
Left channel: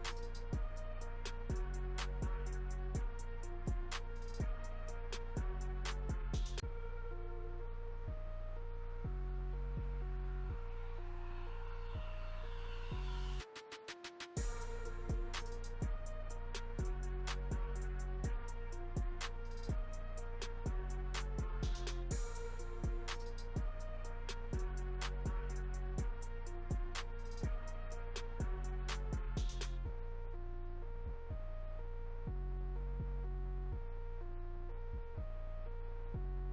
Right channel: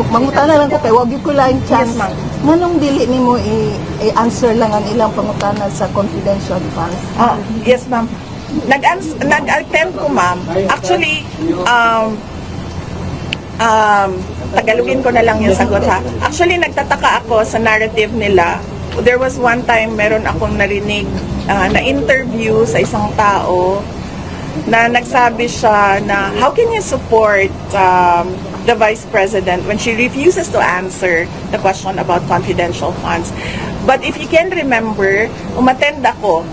mangutana lang ko kay wag ko lang chance. Yes, ma'am. Nganong dili nimo i-answer lang ang ilang pangutana sa confidential funds? Yes, ma'am. Nag-attempt ko, ma'am. Actually, Tagalogin ko na lang yung sagot, ha. Actually, nagtataka ako sa narrative nila. There was one time, meron akong narinig na interview sa isang tao na nagsabi siya na how can you support the Vice President when she refuses to answer the question about confidential funds. But if you can remember, umattend ako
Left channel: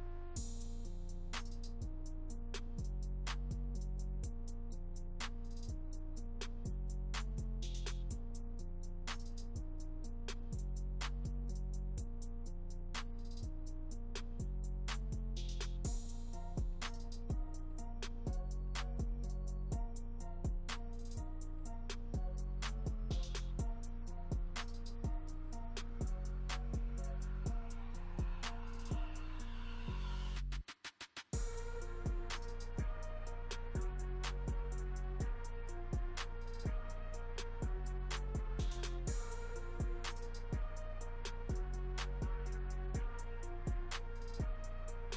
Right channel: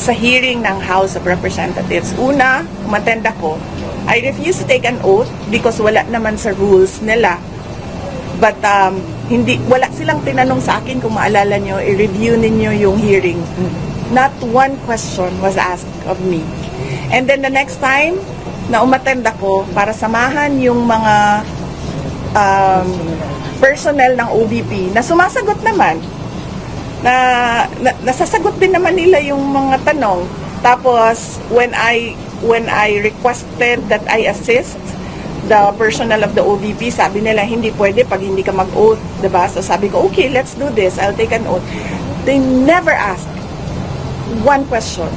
sa hearing ng House of Representatives. Una, umattend ako. I refuse to take an oath because wala naman sa rules nila. But wala silang tinanong sa akin, kung maalala nyo, i-review ninyo yung hearing. Not one question was asked of me. And then the next time na umattend ako para samahan yung mga personnel ng OVP na sumasagot naman, nasasagot din naman nila yung mga tanong. Tapos when I requested that I assist the personnel of the OVP, sabi nila hindi pwede pag hindi ka mag-oath, diba? So sabi ko, okay, let's do this. I'll take an oath. They never asked one question.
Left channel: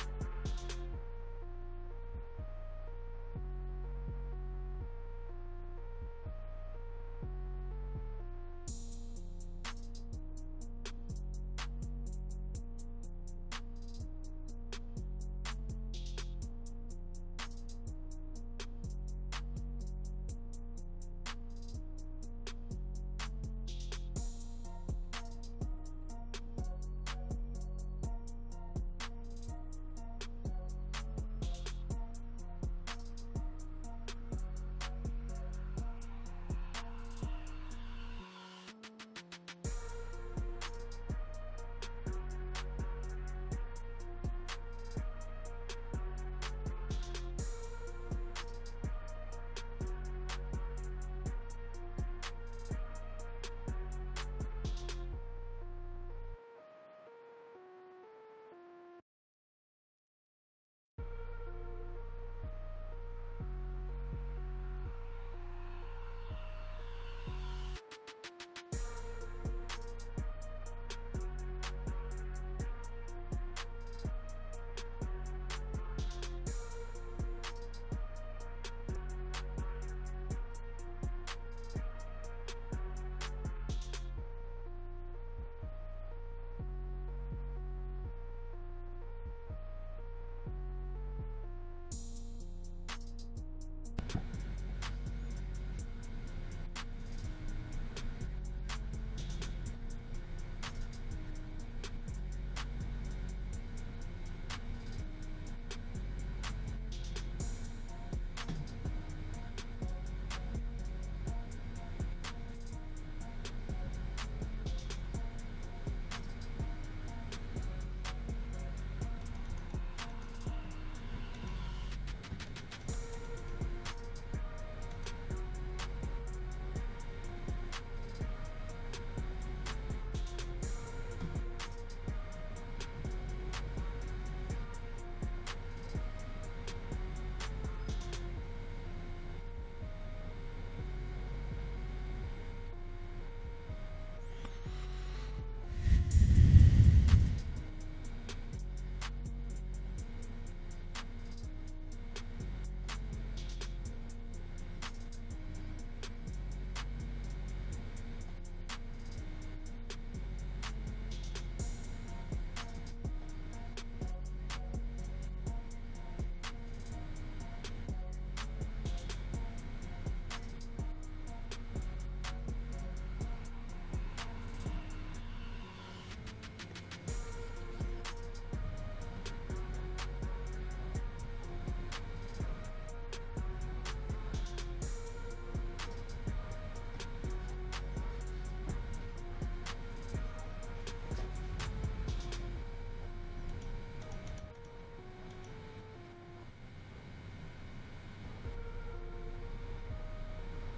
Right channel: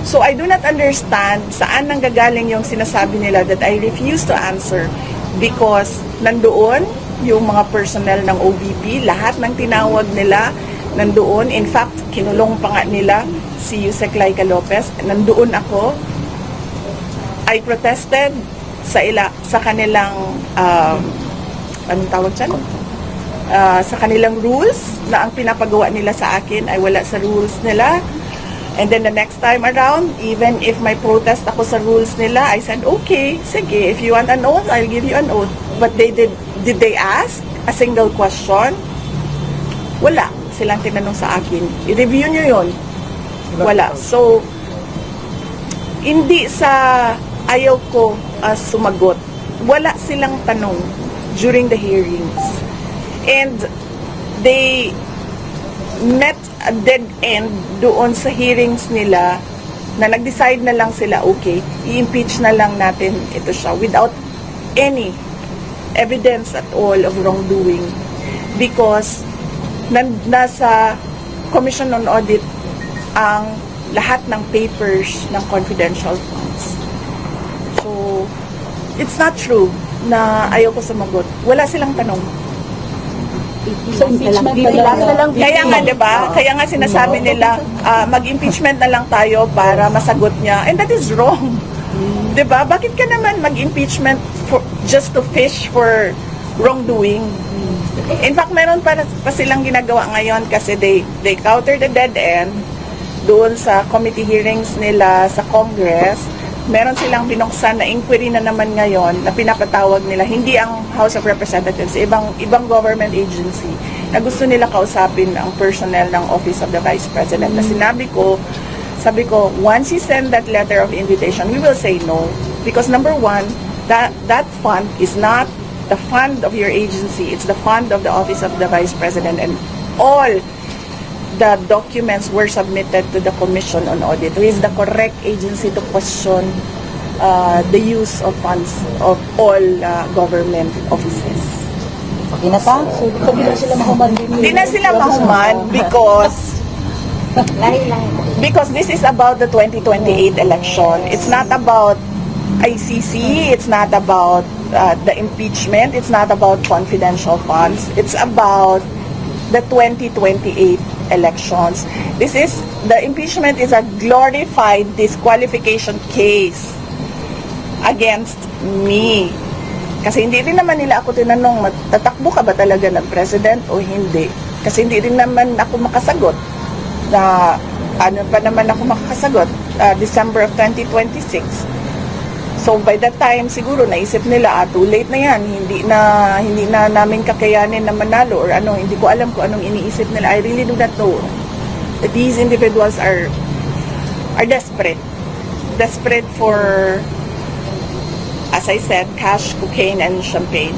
So I do not understand saan nanggagaling yung sinasabi nila that I refuse to answer because nandoon yung mga personnel ng OVP, lahat ng tinawag nila nandoon. In fact, kinulong pa nga nila si Yusek Laika Lopez. Nandoon ako. I protested sa kanilang anong tawag dyan? Sa kanilang rules na ang pinapagawa nila sa akin ay wala sa rules nila. And then the next time around, even if may protest ako sa rules nila, I said, okay, sige, if you want an oath, I'll give you an oath. But did they ask a single question? Wala silang tinanong sa akin. I-review nyo yun. Wala. So, hindi sa ayaw ko sumagot. Wala silang tanong during the hearings. And they met a dead end doon sa hearings nila na nag-decide na lang sila, okay, i-impeach na lang natin ito siya without any evidence at all of wrongdoing because nasa Commission on Audit ang lahat ng papers ng confidential funds. So, it's not true na ayaw ko sumagot. Wala silang tanong. So, impeachment na lang. Kaya nga, diba? Kaya nga sinasabi nila, mag-impeachment na lang tayo para masagot niya. And that is wrong. Diba? Bakit ka naman mag-impeachment just to fish for wrongdoing? In fact, meron pa silang ginagawa ngayon kasi they counter the dead end doon sa committee hearings nila sa Congress. Meron silang binuksan na inquiry na naman ngayon na pinapatawag nila, hindi ang House of Representatives, ibang government agency na gusto nila kausapin ang personnel ng Office of the Vice President. Na sabi ko, once you send that letter of invitation, we will say no. Because number one, that fund is not the fund of your agency, it's the fund of the Office of the Vice President, and all the documents were submitted to the Commission on Audit, who is the correct agency to question the use of funds of all government offices. Okay na ta? So, hindi na sila mahuman din. Hindi na sila mahuman because this is about the 2028 election. It's not about ICC, it's not about the impeachment, it's not about confidential funds, it's about the 2028 elections. The impeachment is a glorified disqualification case against me. Kasi hindi rin naman nila ako tinanong, tatakbo ka ba talaga ng president o hindi? Kasi hindi rin naman ako makasagot na ano pa naman ako makakasagot, December of 2026. So by that time siguro naisip nila too late na yan, hindi na namin kakayanin na manalo or ano, hindi ko alam kung anong iniisip nila. I really do not know. These individuals are desperate for, as I said, cash, cocaine, and champagne.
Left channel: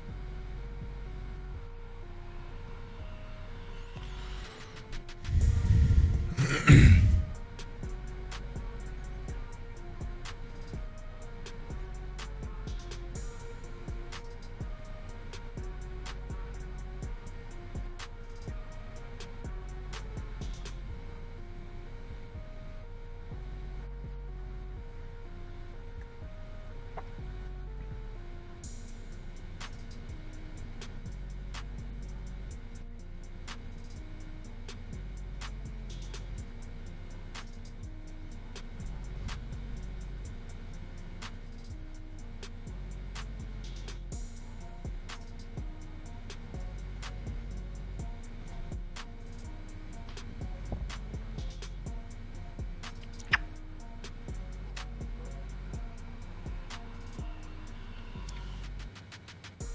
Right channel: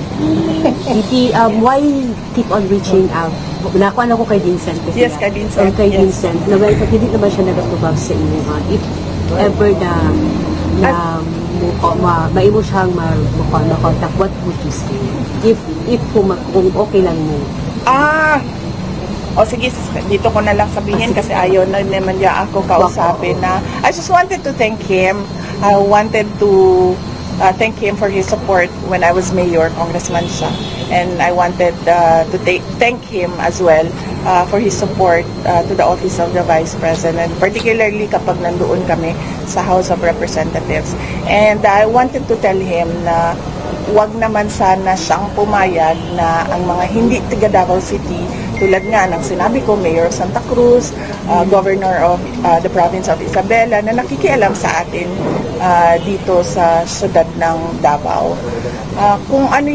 VP, why keep on reaching out? Nakuha ko kay Vincent. Kasi Yes, kay Vincent. Kay Yes. Vincent. Na well, hindi naman siya nagatubag sa inyo. If ever maimo siyang makontak, what would you say? If kung okay lang mo. O sige, dito ko na lang sabihin kasi ayaw na naman niya ako kausapin na. I just wanted to thank him. I wanted to thank him for his support when I was mayor, congressman siya. And I wanted to thank him as well for his support to the office of the Vice President, particularly kapag nandoon kami sa House of Representatives. And I wanted to tell him na wag naman sana siyang pumayag na ang mga hindi taga Davao City, tulad nga ng sinabi ko, Mayor of Santa Cruz, Governor of the Province of Isabela, na nakikialam sa atin dito sa syudad ng Davao. Kung ano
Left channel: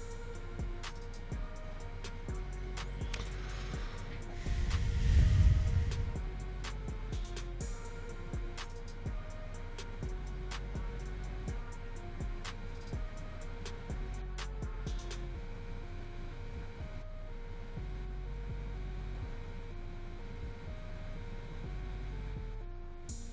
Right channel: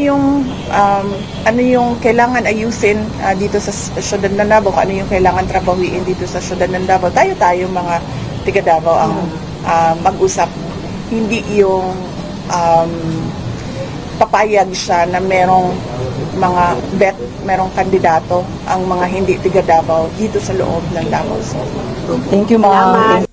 yung kailangan ayusin dito sa syudad ng Davao, kung ano yung kailangan trabahuin dito sa syudad ng Davao, tayo mga taga Davao ang mag-usap. Hindi yung papayag siya na merong mga merong kandidato ang mga hindi taga Davao dito sa loob ng Davao. So, Thank you, ma'am.